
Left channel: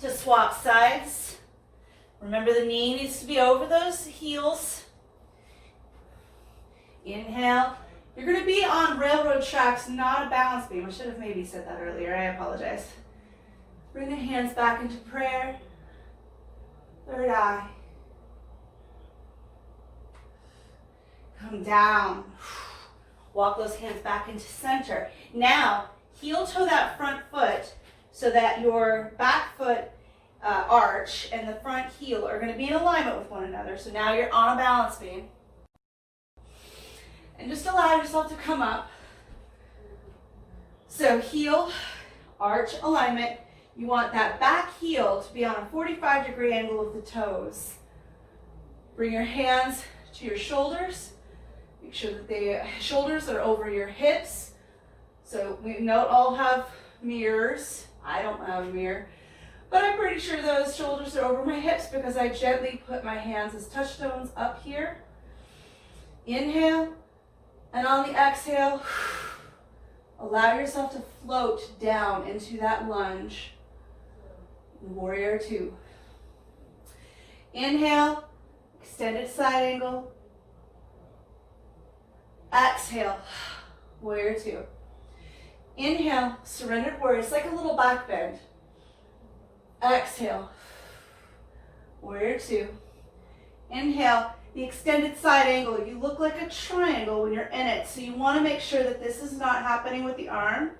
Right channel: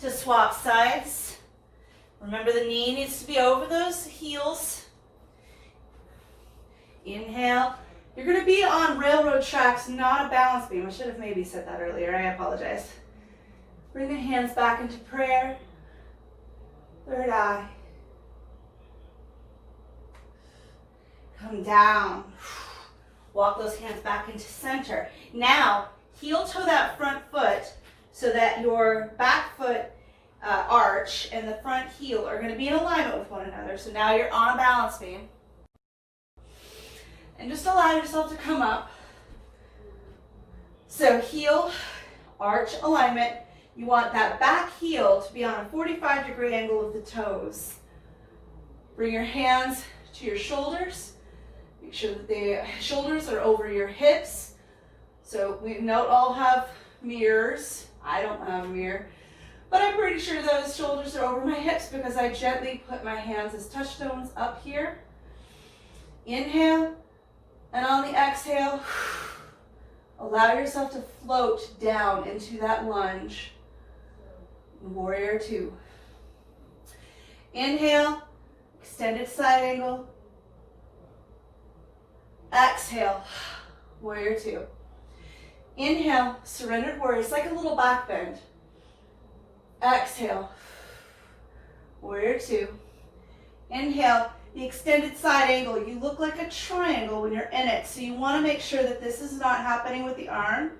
to swap sides. Remember, the knee needs to be over those heels. Inhale. You're going to be on railroad tracks, not a balance beam. I should have maybe said that earlier. I apologize. Bring the hands back into prayer. Third eye. Come down. Walk those hands back into center. Now, heel toe that front foot so that your back foot arch and the front heel are going to be in alignment with one another. So now you're on a balance beam. And just allow yourself to come up. So heel, arch alignment. You want that back heel to be on a 45-degree angle with the toes. Bring your hands to your shoulders. Make sure that the shoulders are over your hips. So we don't all have mirrors. I don't have a mirror. But I'm pretty sure those shoulders are over my hips because I gently put my hands as touchstones up here. Inhale. And on the exhale, allow yourself to float down into that lunge. Warrior two. Inhale, extended side angle. Exhale, warrior two. Inhale, surrendered warrior. It's like a little back bend. Exhale, warrior two. Inhale, the extended side angle. You look like a triangle when you're in it. So you want to make sure that this is not happening with the arm.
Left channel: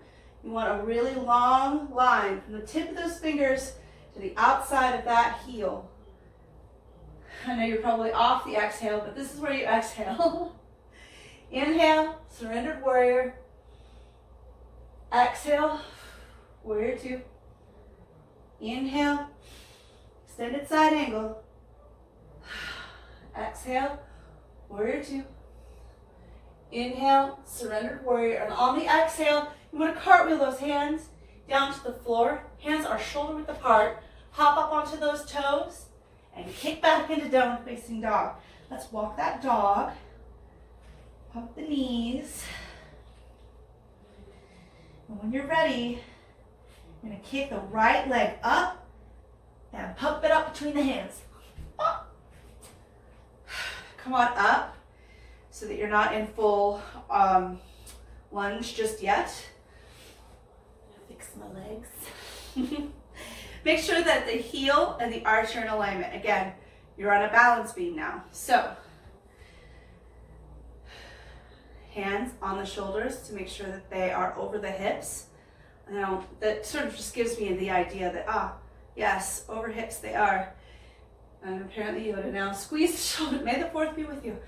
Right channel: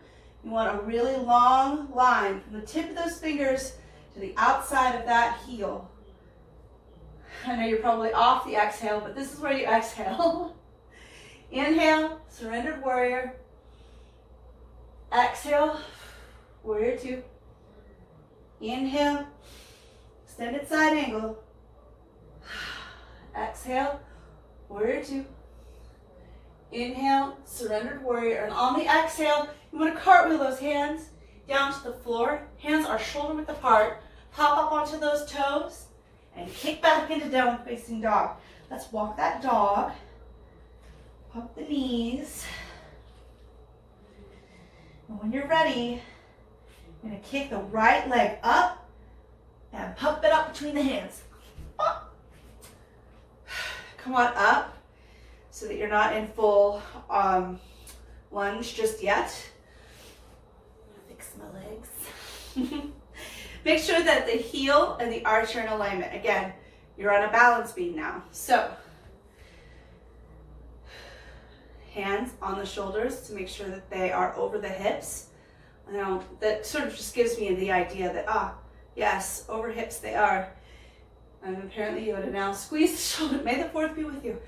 You want a really long line from the tip of those fingers to the outside of that heel. I know you're probably off the exhale, but this is where you exhale. Inhale, surrendered warrior. Exhale, warrior two. Inhale, extended side angle. Exhale, warrior two. Inhale, surrendered warrior. And on the exhale, you want to cartwheel those hands down to the floor. Hands are shoulder width apart. Pop up onto those toes and kick back into downward facing dog. Let's walk that dog. Pump the knees. And when you're ready, you're going to kick the right leg up and pump it up between the hands. Up. Come on up so that you're not in full lunge just yet. Fix my legs. Make sure that the heel and the arch are in alignment. Again, you're on a balance beam now. So, hands on the shoulders to make sure that they are over the hips. Now, that sort of just gives me the idea that, yes, over hips they are. And apparently you would have now squeeze the shoulder. May the fourth be with you.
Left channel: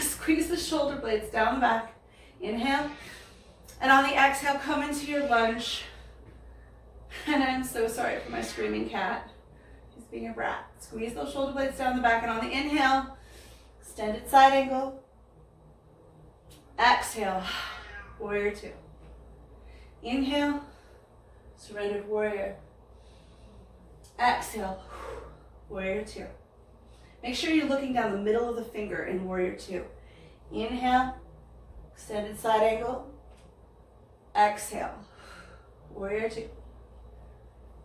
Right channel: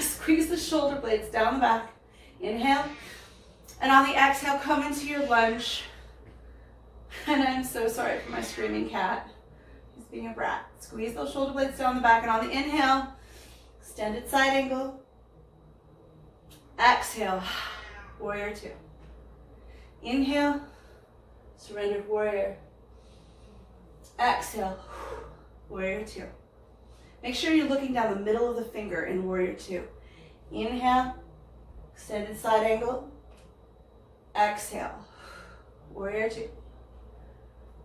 Squeeze the shoulder blades down the back. Inhale. And on the exhale, come into your lunge. And I'm so sorry for my screaming cat. She's being a brat. Squeeze those shoulder blades down the back. And on the inhale, extended side angle. Exhale, warrior two. Inhale, surrendered warrior. Exhale, warrior two. Make sure you're looking down the middle of the finger in warrior two. Inhale, extended side angle. Exhale, warrior two.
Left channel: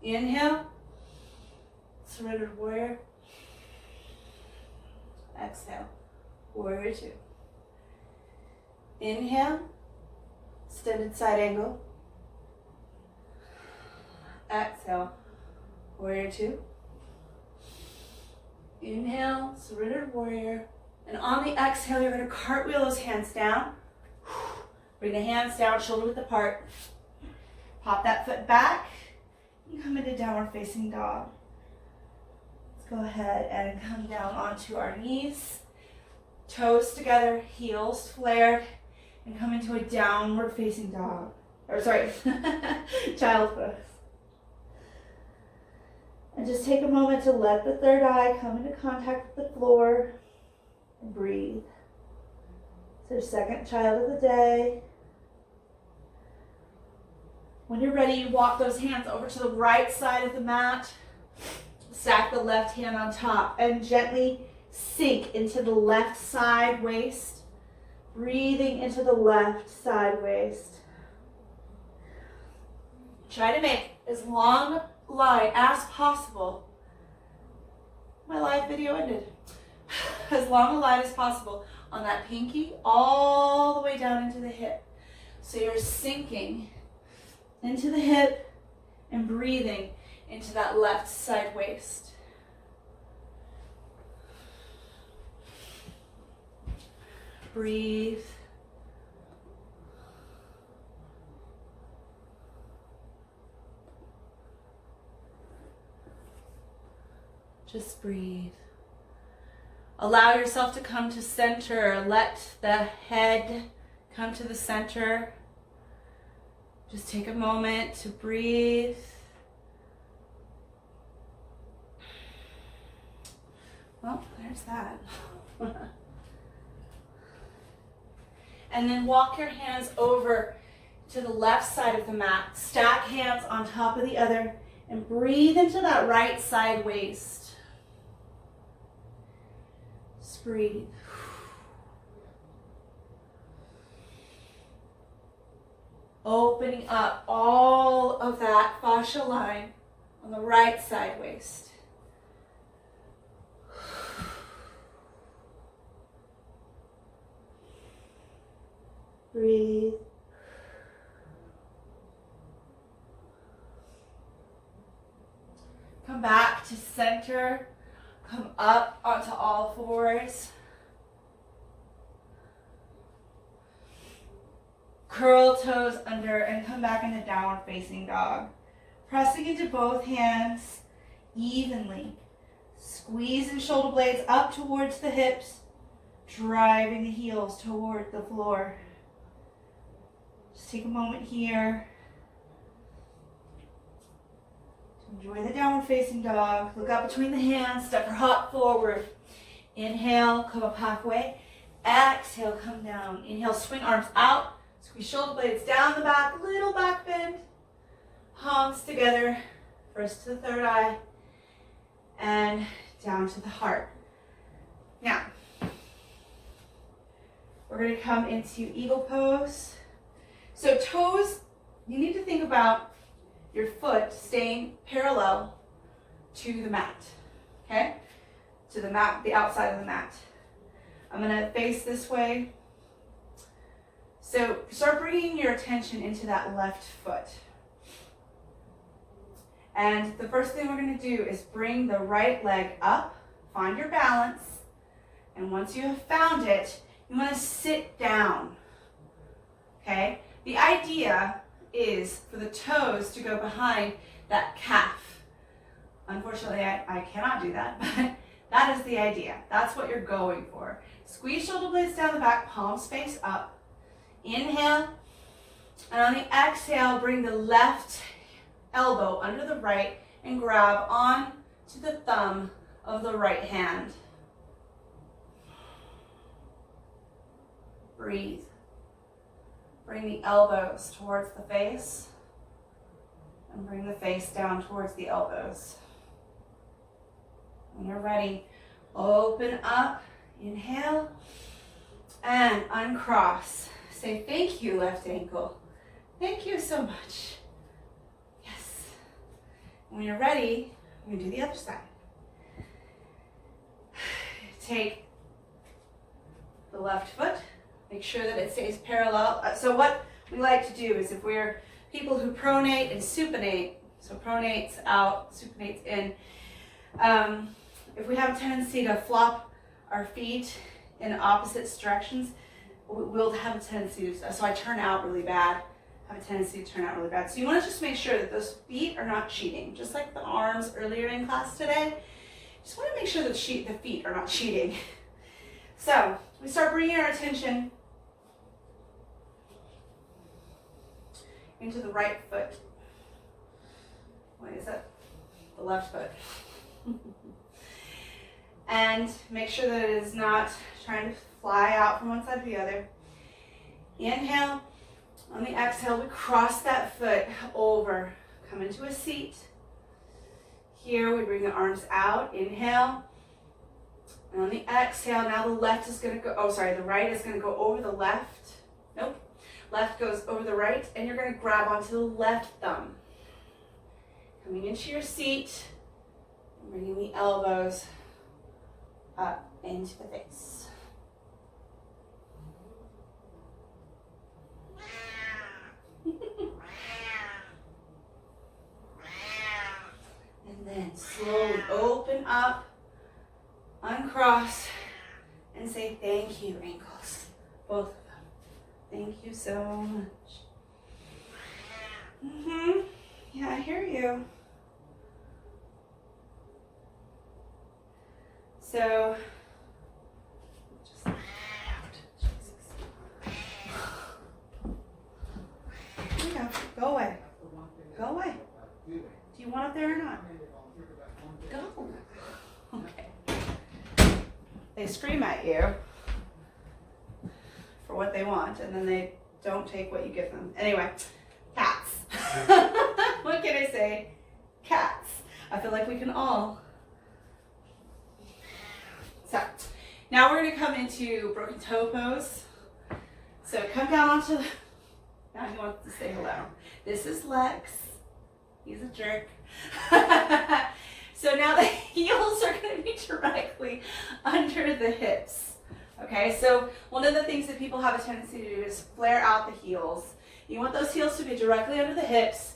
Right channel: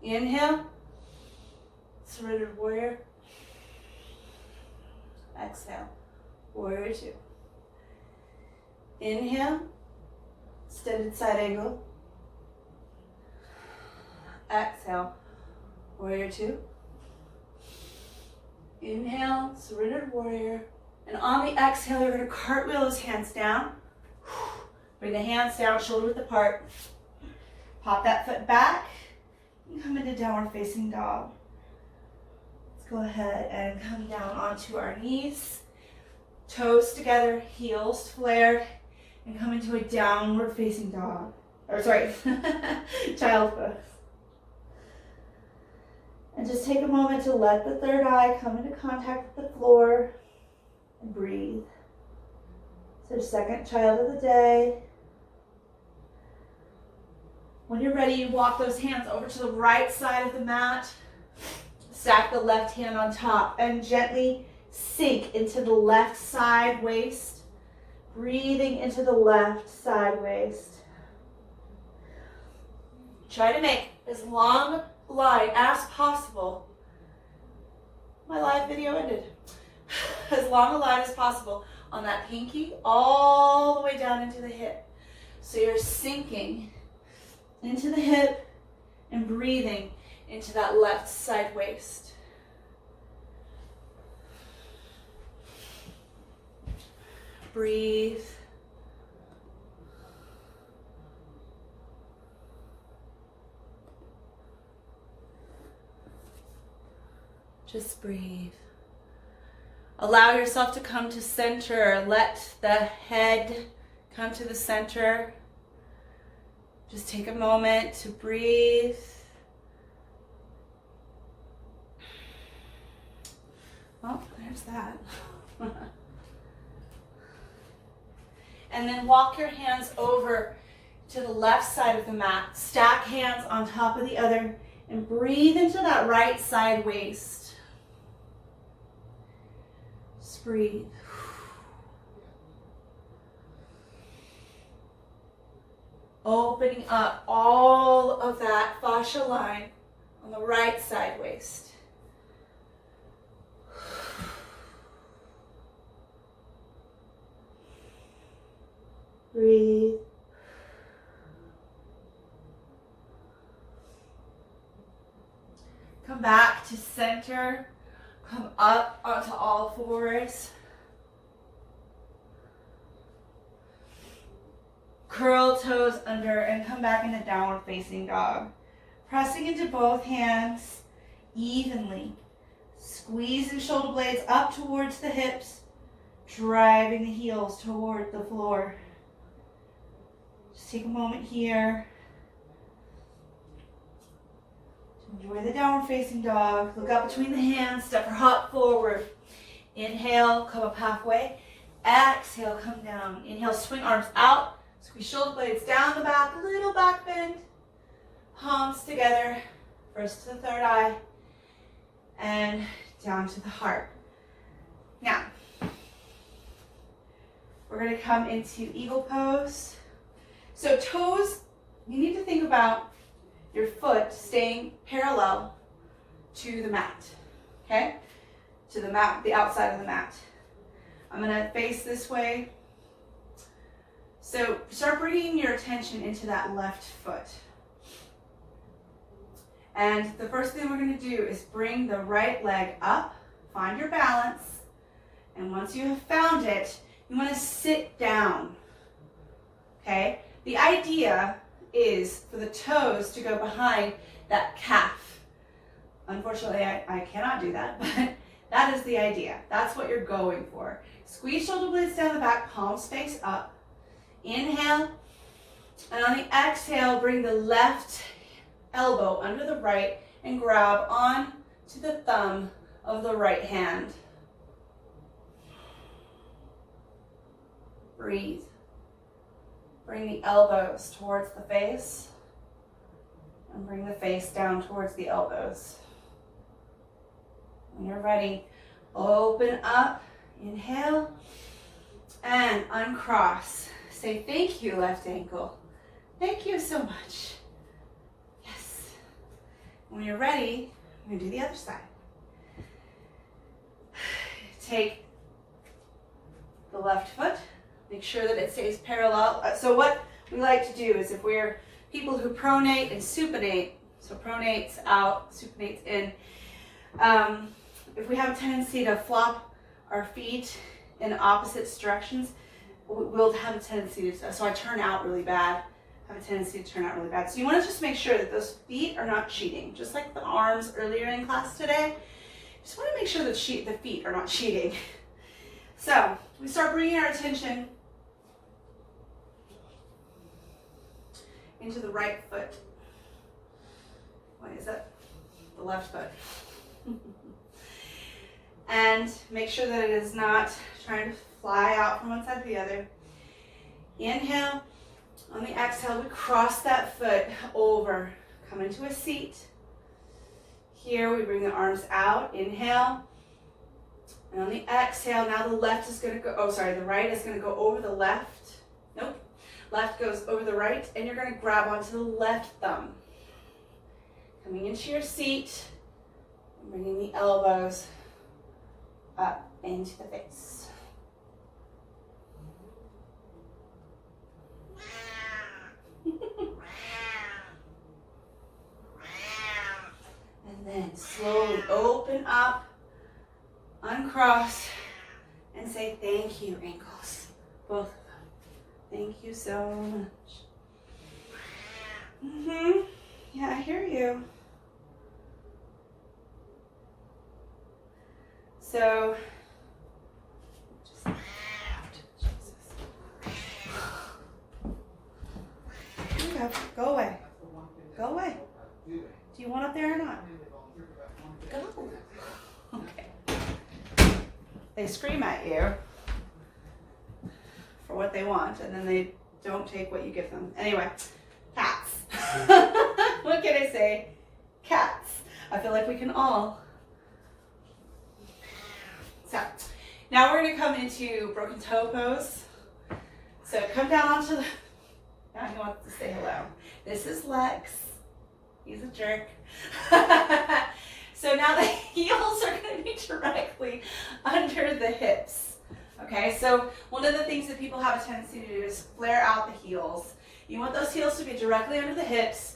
Inhale, surrendered warrior. Exhale, warrior two. Inhale, extended side angle. Exhale, warrior two. Inhale, surrendered warrior. And on the exhale, you're going to cartwheel those hands down. Bring the hands down, shoulder width apart. Pop that foot back. And come into downward facing dog. Let's go ahead and come down onto our knees. Toes together, heels flared. And come into a downward facing dog. Or sorry, child pose. And just take a moment to let the third eye come into contact with the floor and breathe. It's our second child of the day. When you're ready, you walk those hands over to the right side of the mat. Stack the left hand on top and gently sink into the left side waist. Breathing into the left side waist. Try to make as long a line as possible. My live video ended. As long a line as possible on that pinky all the way down into the hip. So you're sinking into the hip and breathing into that left side waist. Breathe. Just breathe. Allow yourself to come to center. Let the head come to the center. Just take a moment to breathe. Well, there's that. And then walk your hands over to the left side of the mat. Stack hands on top of the other and breathe into that right side waist. Just breathe. Opening up all of that fascia line on the right side waist. Breathe. Come back to center. Come up onto all fours. Curl toes under and come back into downward facing dog. Pressing into both hands evenly. Squeezing shoulder blades up towards the hips. Driving the heels toward the floor. Just take a moment here to enjoy the downward facing dog. Look up between the hands, step your hop forward. Inhale, come up halfway. Exhale, come down. Inhale, swing arms out. Squeeze shoulder blades down the back, little back bend. Palms together, first to the third eye. And down to the heart. Now, we're going to come into eagle pose. So toes, you need to think about your foot staying parallel to the mat, okay? To the mat, the outside of the mat. I'm going to face this way. So start bringing your attention into that left foot. And the first thing we're going to do is bring the right leg up, find your balance, and once you have found it, you want to sit down, okay? The idea is for the toes to go behind that calf. Unfortunately, I cannot do that, but that is the idea. That's what you're going for. Squeeze shoulder blades down the back, palms face up. Inhale, and on the exhale, bring the left elbow under the right and grab on to the thumb of the right hand. Breathe. Bring the elbows towards the face and bring the face down towards the elbows. When you're ready, open up, inhale, and uncross. Say thank you, left ankle. Thank you so much. Yes. When you're ready, we're going to do the other side. Take the left foot, make sure that it stays parallel. So what we like to do is if we're people who pronate and supinate, so pronates out, supinates in, if we have a tendency to flop our feet in opposite directions, we'll have a tendency to, so I turn out really bad, have a tendency to turn out really bad. So you want to just make sure that those feet are not cheating, just like the arms earlier in class today. Just want to make sure that the feet are not cheating. So we start bringing our attention into the right foot. What is that? The left foot. And make sure that it is not trying to fly out from one side to the other. Inhale. On the exhale, we cross that foot over. Come into a seat. Here we bring the arms out. Inhale. And on the exhale, now the left is going to go, the right is going to go over the left. Nope. Left goes over the right, and you're going to grab onto the left thumb. Coming into your seat, bringing the elbows up into the face. And then slowly open up, uncross, and say thank you, ankles. Both of them. Thank you so much. Yeah, I hear you. So, here we go. Go away. Go away. Do you want up there or not? Go. Okay. They scream at you for what they want, and then they don't take what you give them. Anyway, cats. What can I say? Cats. I feel like we can all. So, now we're going to come into broken toe pose. So come down onto the, now he wants to say hello. This is Lex. He's a jerk. So now the heels are going to be directly under the hips. Okay, so one of the things that people have a tendency to do is flare out the heels. You want those heels to be directly under the hips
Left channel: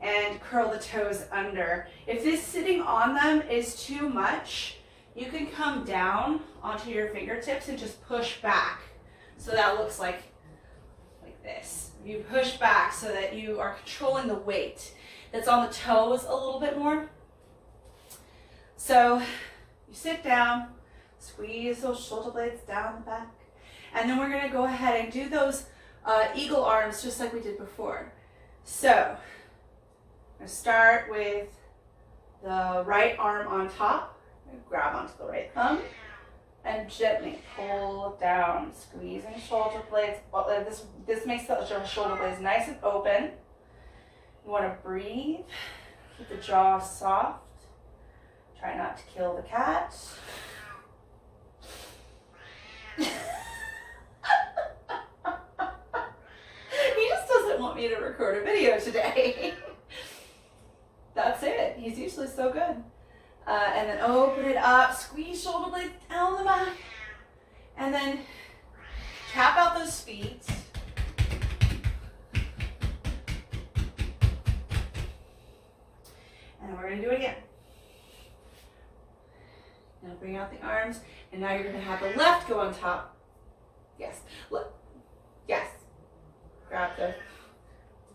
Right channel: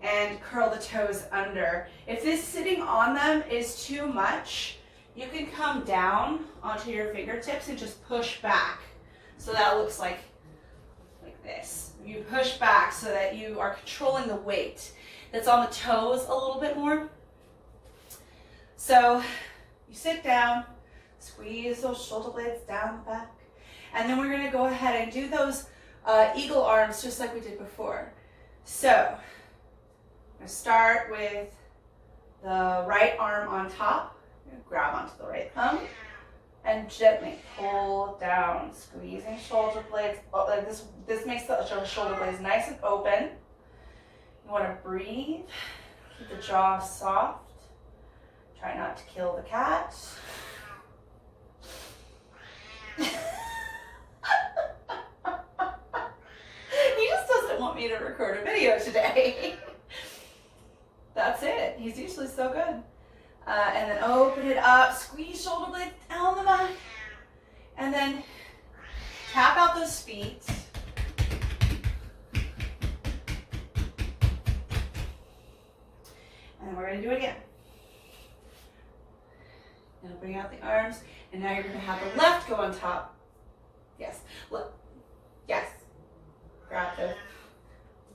and curl the toes under. If this sitting on them is too much, you can come down onto your fingertips and just push back. So that looks like this. You push back so that you are controlling the weight that's on the toes a little bit more. So you sit down, squeeze those shoulder blades down the back, and then we're going to go ahead and do those eagle arms just like we did before. So I'm going to start with the right arm on top. Grab onto the right thumb and gently pull down, squeezing shoulder blades. This makes the shoulder blades nice and open. You want to breathe, keep the jaw soft. Try not to kill the cat. He just doesn't want me to record a video today. That's it. He's usually so good. And then open it up, squeeze shoulder blades down the back, and then tap out those feet. And then we're going to do it again. Now bring out the arms, and now you're going to have the left go on top. Yes, left. Yes. Grab the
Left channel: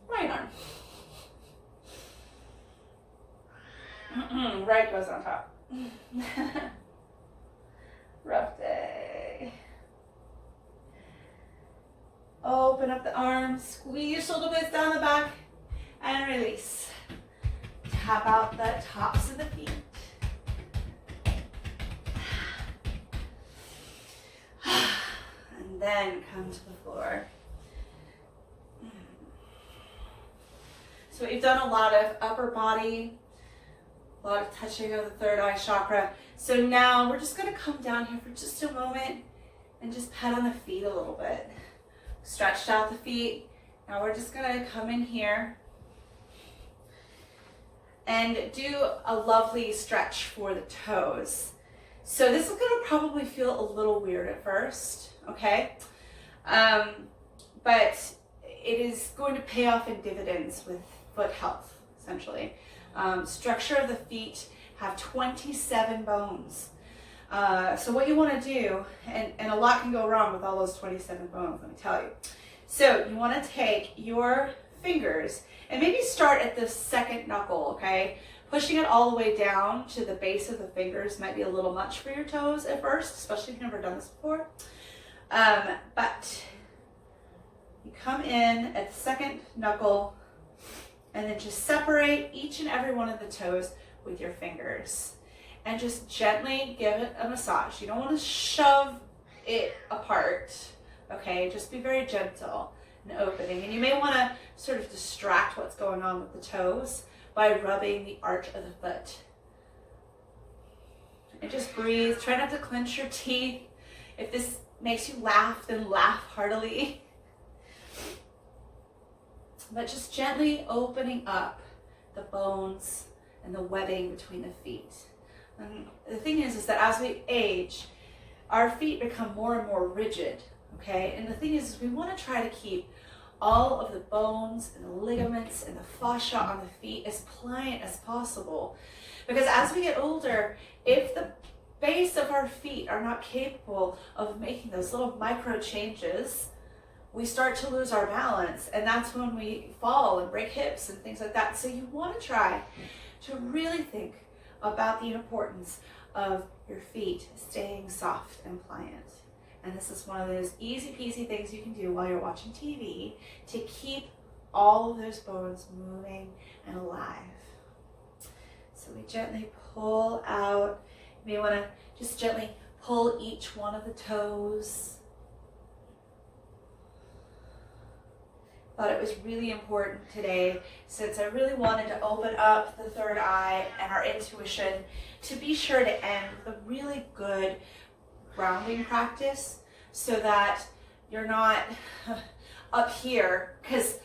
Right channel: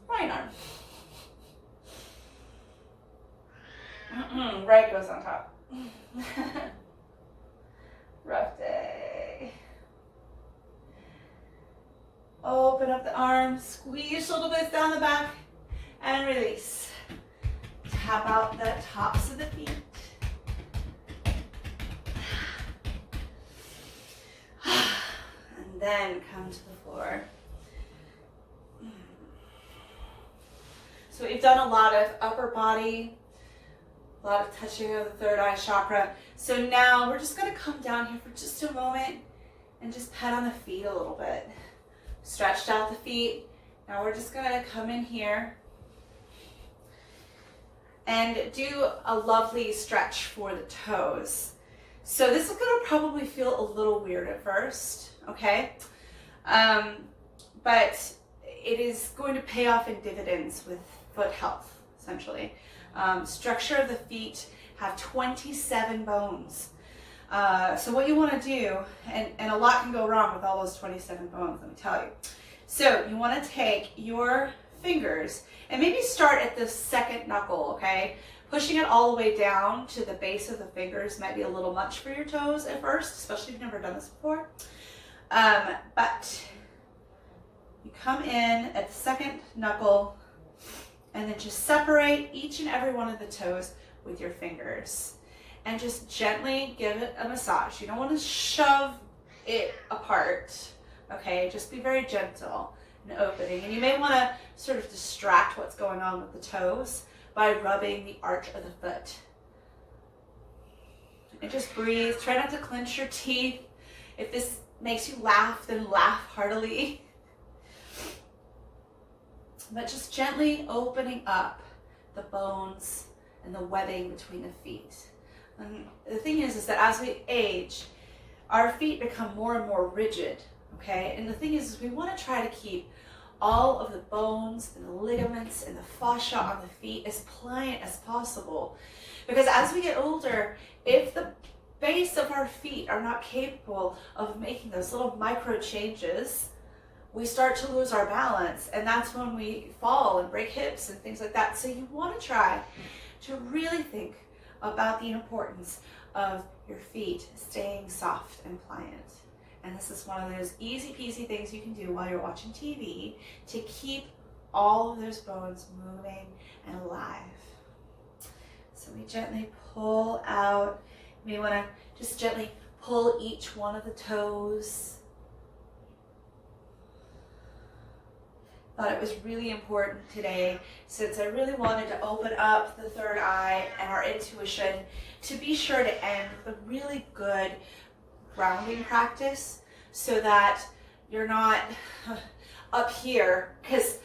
right arm. Right goes on top. Rough day. Open up the arms, squeeze shoulder blades down the back, and release. Tap out the tops of the feet. And then come to the floor. So we've done a lot of upper body, a lot of touching of the third eye chakra. So now we're just going to come down here for just a moment and just pet on the feet a little bit. Stretched out the feet. Now we're just going to come in here and do a lovely stretch for the toes. So this is going to probably feel a little weird at first, okay? But it is going to pay off in dividends with foot health, essentially. Structure of the feet have 27 bones. So what you want to do, and a lot can go wrong with all those 27 bones, let me tell you. So you want to take your fingers and maybe start at the second knuckle, okay? Pushing it all the way down to the base of the fingers might be a little much for your toes at first, especially if you've never done this before. But you come in at the second knuckle and then just separate each and every one of the toes with your fingers and just gently give it a massage. You don't want to shove it apart, okay? Just be very gentle and opening. And you may want to sort of distract what's going on with the toes by rubbing the arch of the foot. And just breathe. Try not to clench your teeth. If this makes you laugh, then laugh heartily. But just gently opening up the bones and the webbing between the feet. And the thing is that as we age, our feet become more and more rigid, okay? And the thing is we want to try to keep all of the bones and the ligaments and the fascia on the feet as pliant as possible. Because as we get older, if the base of our feet are not capable of making those little micro changes, we start to lose our balance, and that's when we fall and break hips and things like that. So you want to try to really think about the importance of your feet staying soft and pliant. And this is one of those easy peasy things you can do while you're watching TV to keep all of those bones moving and alive. So we gently pull out. You may want to just gently pull each one of the toes. Thought it was really important today, since I really wanted to open up the third eye and our intuition, to be sure to end with a really good grounding practice so that you're not up here, because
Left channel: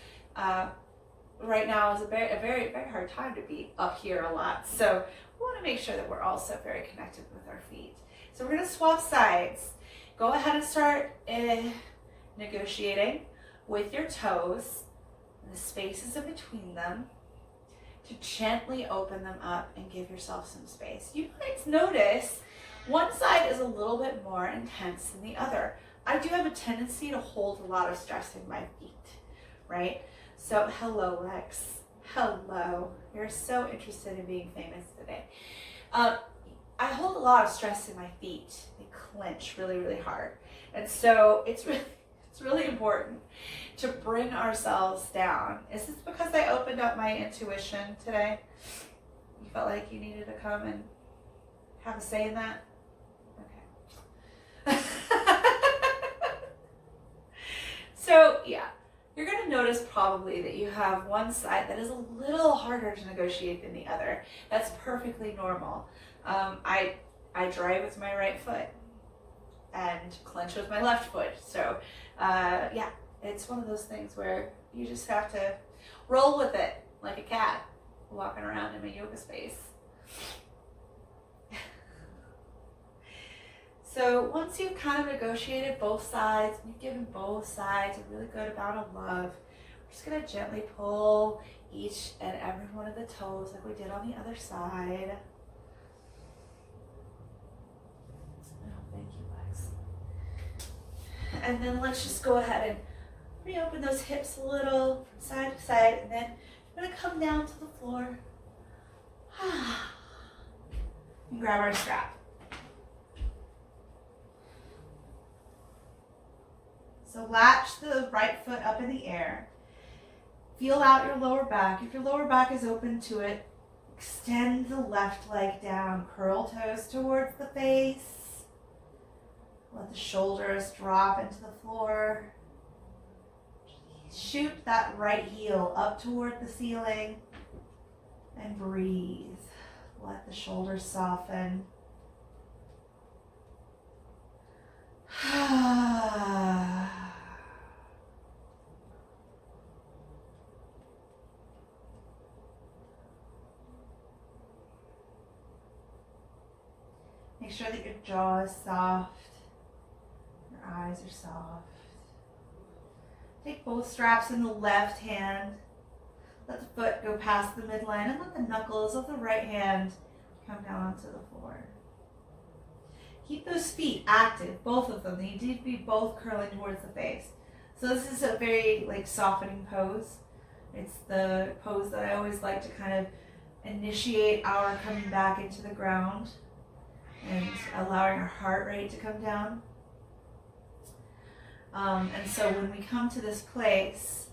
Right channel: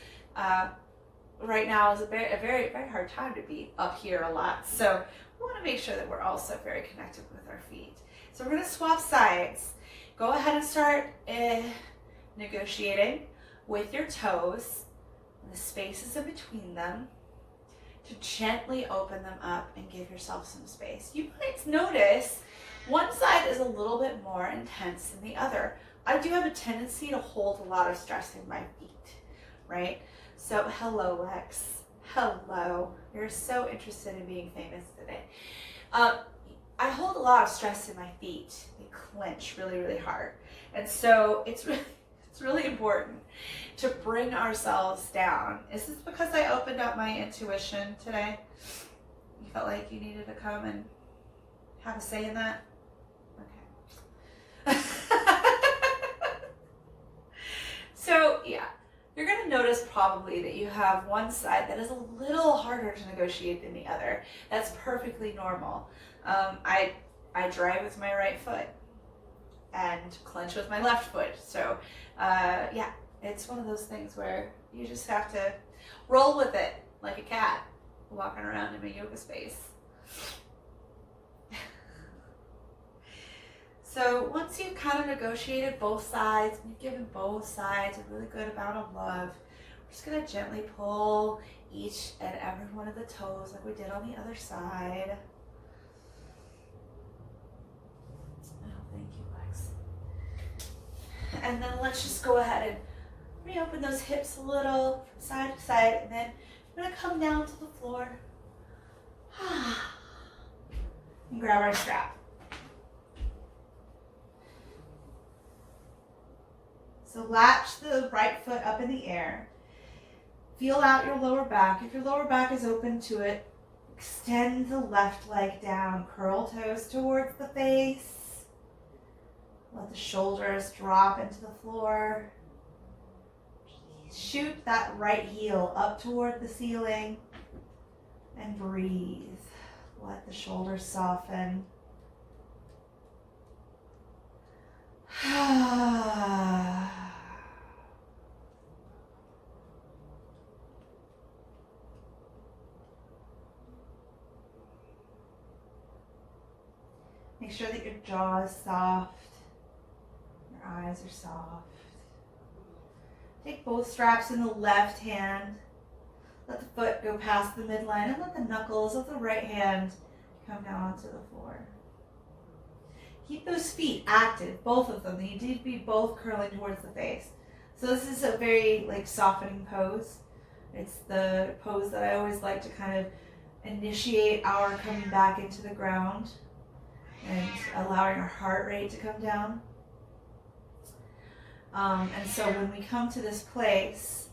right now is a very hard time to be up here a lot. So we want to make sure that we're also very connected with our feet. So we're going to swap sides. Go ahead and start negotiating with your toes and the spaces in between them to gently open them up and give yourself some space. You might notice one side is a little bit more intense than the other. I do have a tendency to hold a lot of stress in my feet, right? So hello, Lex. Hello. You're so interested in being famous today. I hold a lot of stress in my feet. They clench really hard. And so it's really important to bring ourselves down. Is this because I opened up my intuition today? You felt like you needed to come and have a say in that? Okay. So yeah, You're going to notice probably that you have one side that is a little harder to negotiate than the other. That's perfectly normal. I drive with my right foot and clench with my left foot. So yeah, it's one of those things where you just have to roll with it like a cat walking around in my yoga space. So once you've kind of negotiated both sides, you've given both sides a really good amount of love, we're just going to gently pull each and every one of the toes like we did on the other side. Oh, thank you, Lex. And then let's just go ahead and reopen those hips a little from side to side, and then we're going to come down to the floor and grab our strap. So latch the right foot up in the air. Feel out your lower back. If your lower back is open to it, extend the left leg down. Curl toes towards the face. Let the shoulders drop into the floor. Shoot that right heel up toward the ceiling and breathe. Let the shoulders soften. Make sure that your jaw is soft, your eyes are soft. Take both straps in the left hand. Let the foot go past the midline and let the knuckles of the right hand come down onto the floor. Keep those feet active, both of them. They need to be both curling towards the face. So this is a very softening pose. It's the pose that I always like to kind of initiate our coming back into the ground and allowing our heart rate to come down. And so when we come to this place,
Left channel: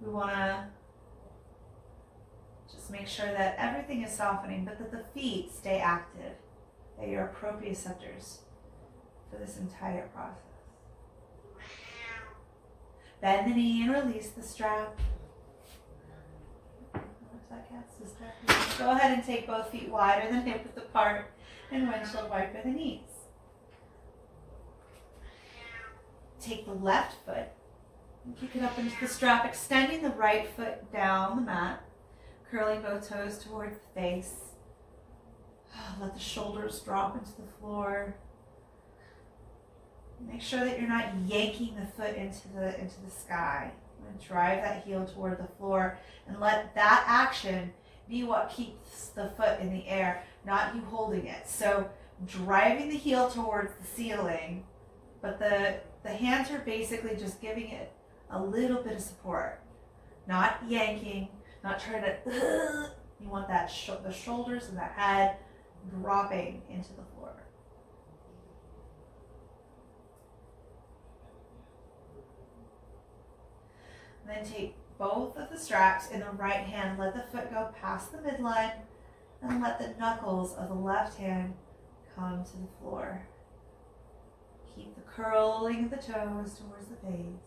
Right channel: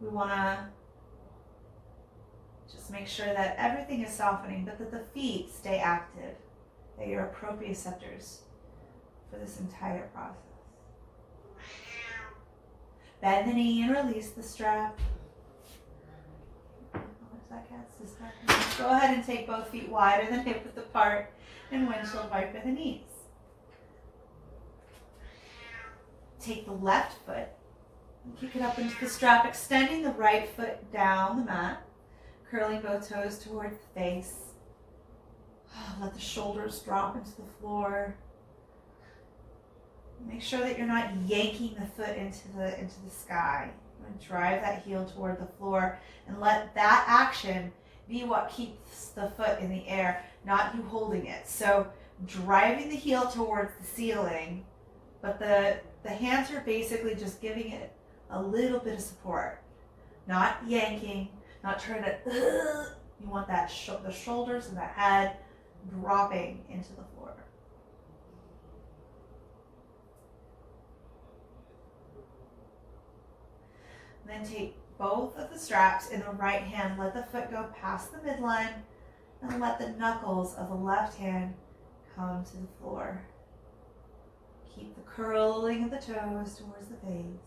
we want to just make sure that everything is softening, but that the feet stay active, that you're proprioceptors for this entire process. Bend the knee and release the strap. Go ahead and take both feet wider than hip width apart and windshield wiper the knees. Take the left foot and kick it up into the strap, extending the right foot down the mat, curling both toes towards the face. Let the shoulders drop into the floor. Make sure that you're not yanking the foot into the sky. And drive that heel toward the floor and let that action be what keeps the foot in the air, not you holding it. So driving the heel towards the ceiling, but the hands are basically just giving it a little bit of support, not yanking, not trying to, you want that the shoulders and the head dropping into the floor. And then take both of the straps in the right hand, let the foot go past the midline, and let the knuckles of the left hand come to the floor. Keep the curling of the toes towards the face.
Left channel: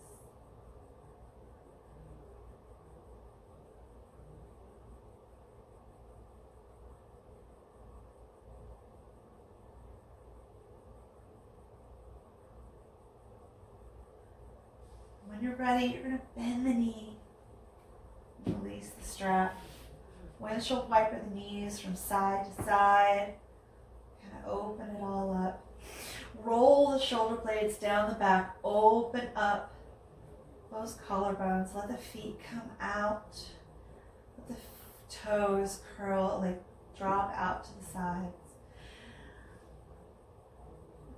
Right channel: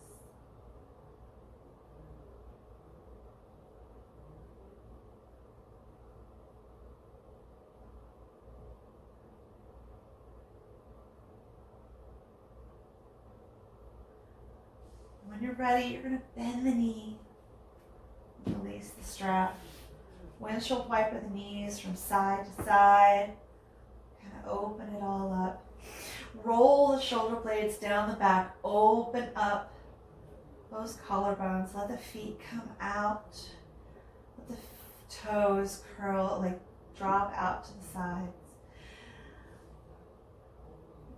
When you're ready, you're going to bend the knee, release the strap, windshield wiper the knees from side to side, kind of open it all up. Roll the shoulder blades down the back, open up those collarbones, let the feet come out, let the toes curl, drop out to the sides.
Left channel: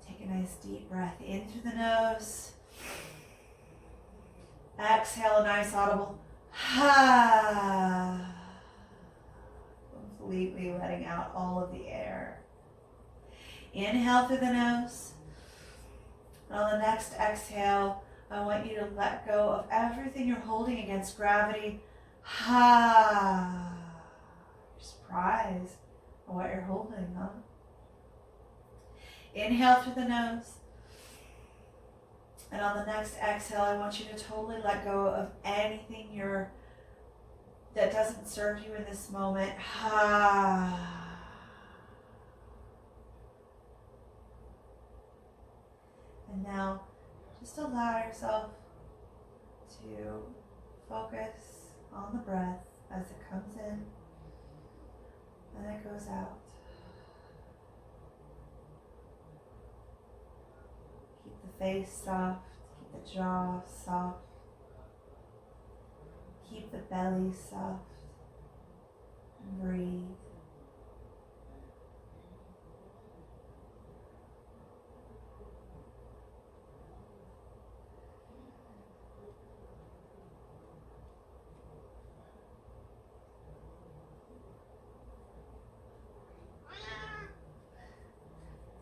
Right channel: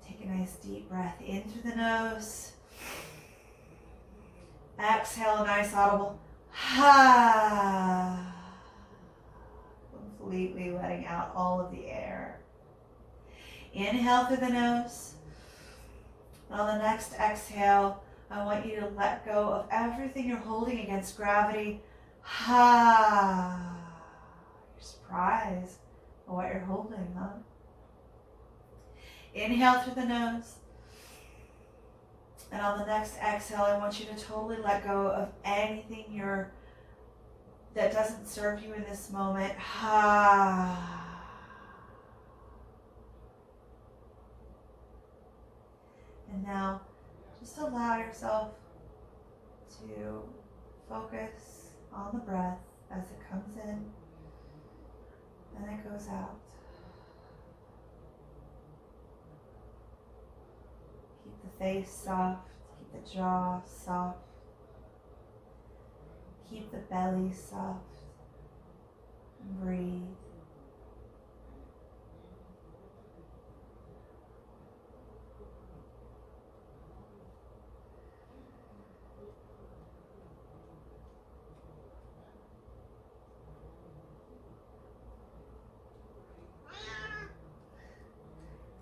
Take a nice deep breath in through the nose. Exhale a nice audible ha. Completely letting out all of the air. Inhale through the nose. And on the next exhale, I want you to let go of everything you're holding against gravity. Ha. You're surprised by what you're holding, huh? Inhale through the nose. And on the next exhale, I want you to totally let go of anything that doesn't serve you in this moment. And now, just allow yourself to focus on the breath as it comes in and it goes out. Keep the face soft, keep the jaw soft, keep the belly soft, and breathe.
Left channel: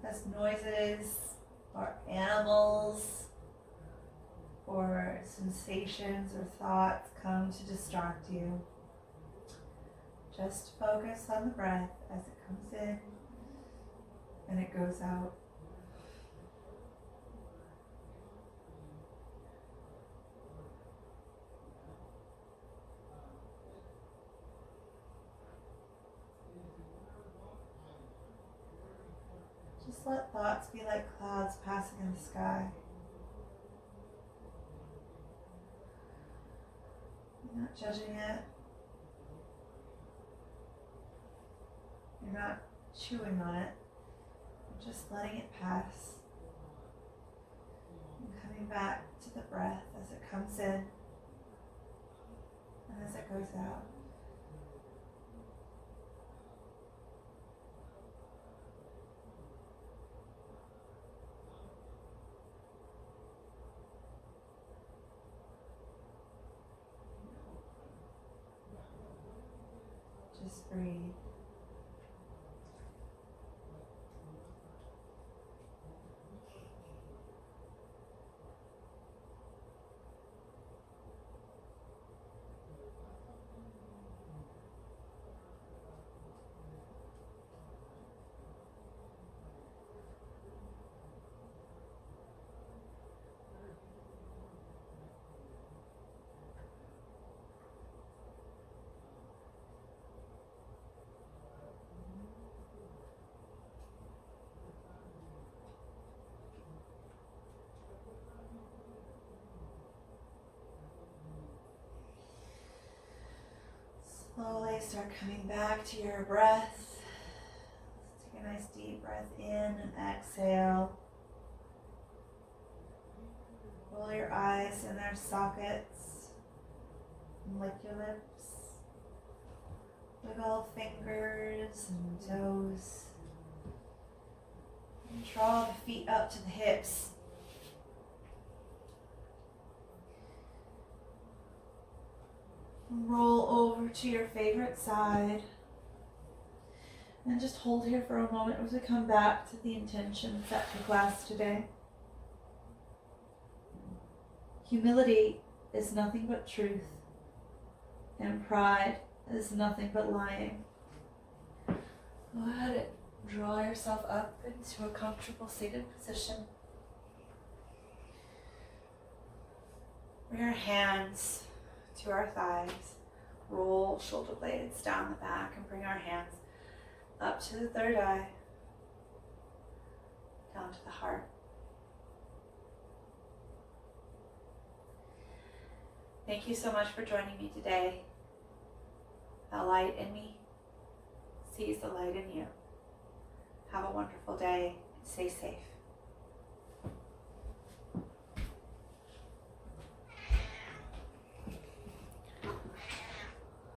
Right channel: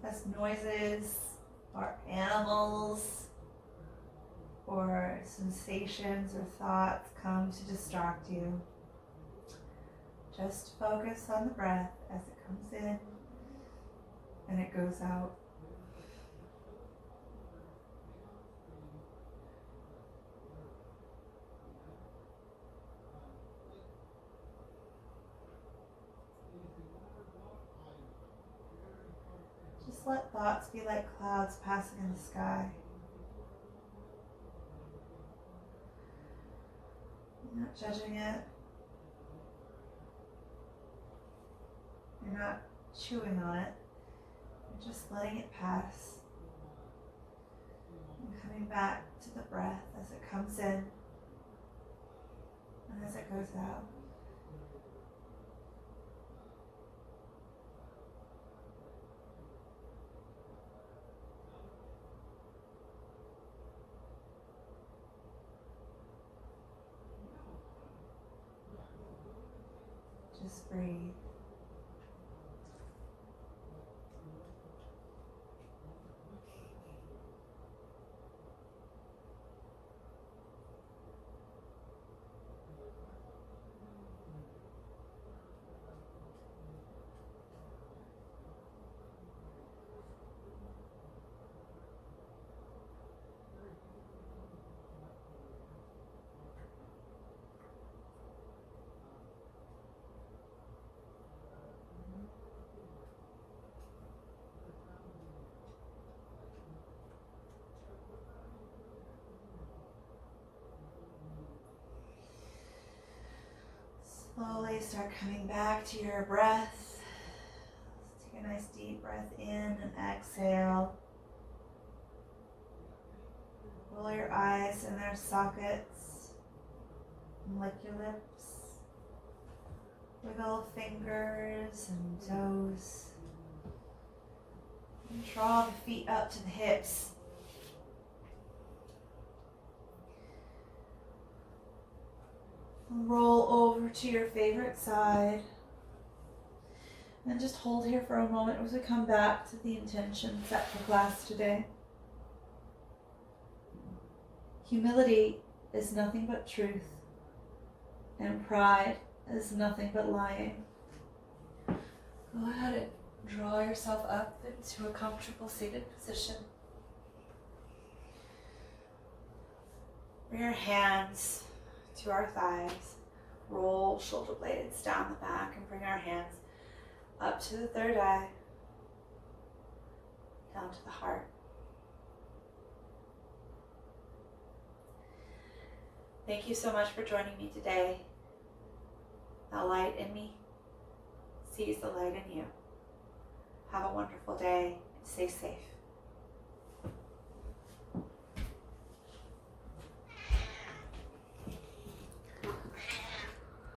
As noises or animals or sensations or thoughts come to distract you, just focus on the breath as it comes in and it goes out. Just let thoughts be like clouds passing in the sky. You're not judging it. You're not chewing on it. You're just letting it pass. And coming back to the breath as it comes in and as it goes out. Just breathe. Slowly start coming back to your breath. Let's take a nice deep breath in and exhale. Roll your eyes in their sockets and lick your lips. Wiggle fingers and toes. And draw the feet up to the hips. Roll over to your favorite side. And just hold here for a moment as we come back to the intention set for class today. Humility is nothing but truth, and pride is nothing but lying. Go ahead and draw yourself up into a comfortable seated position. Bring your hands to our thighs. Roll shoulder blades down the back and bring our hands up to the third eye, down to the heart. Thank you so much for joining me today. The light in me sees the light in you. Have a wonderful day. Stay safe.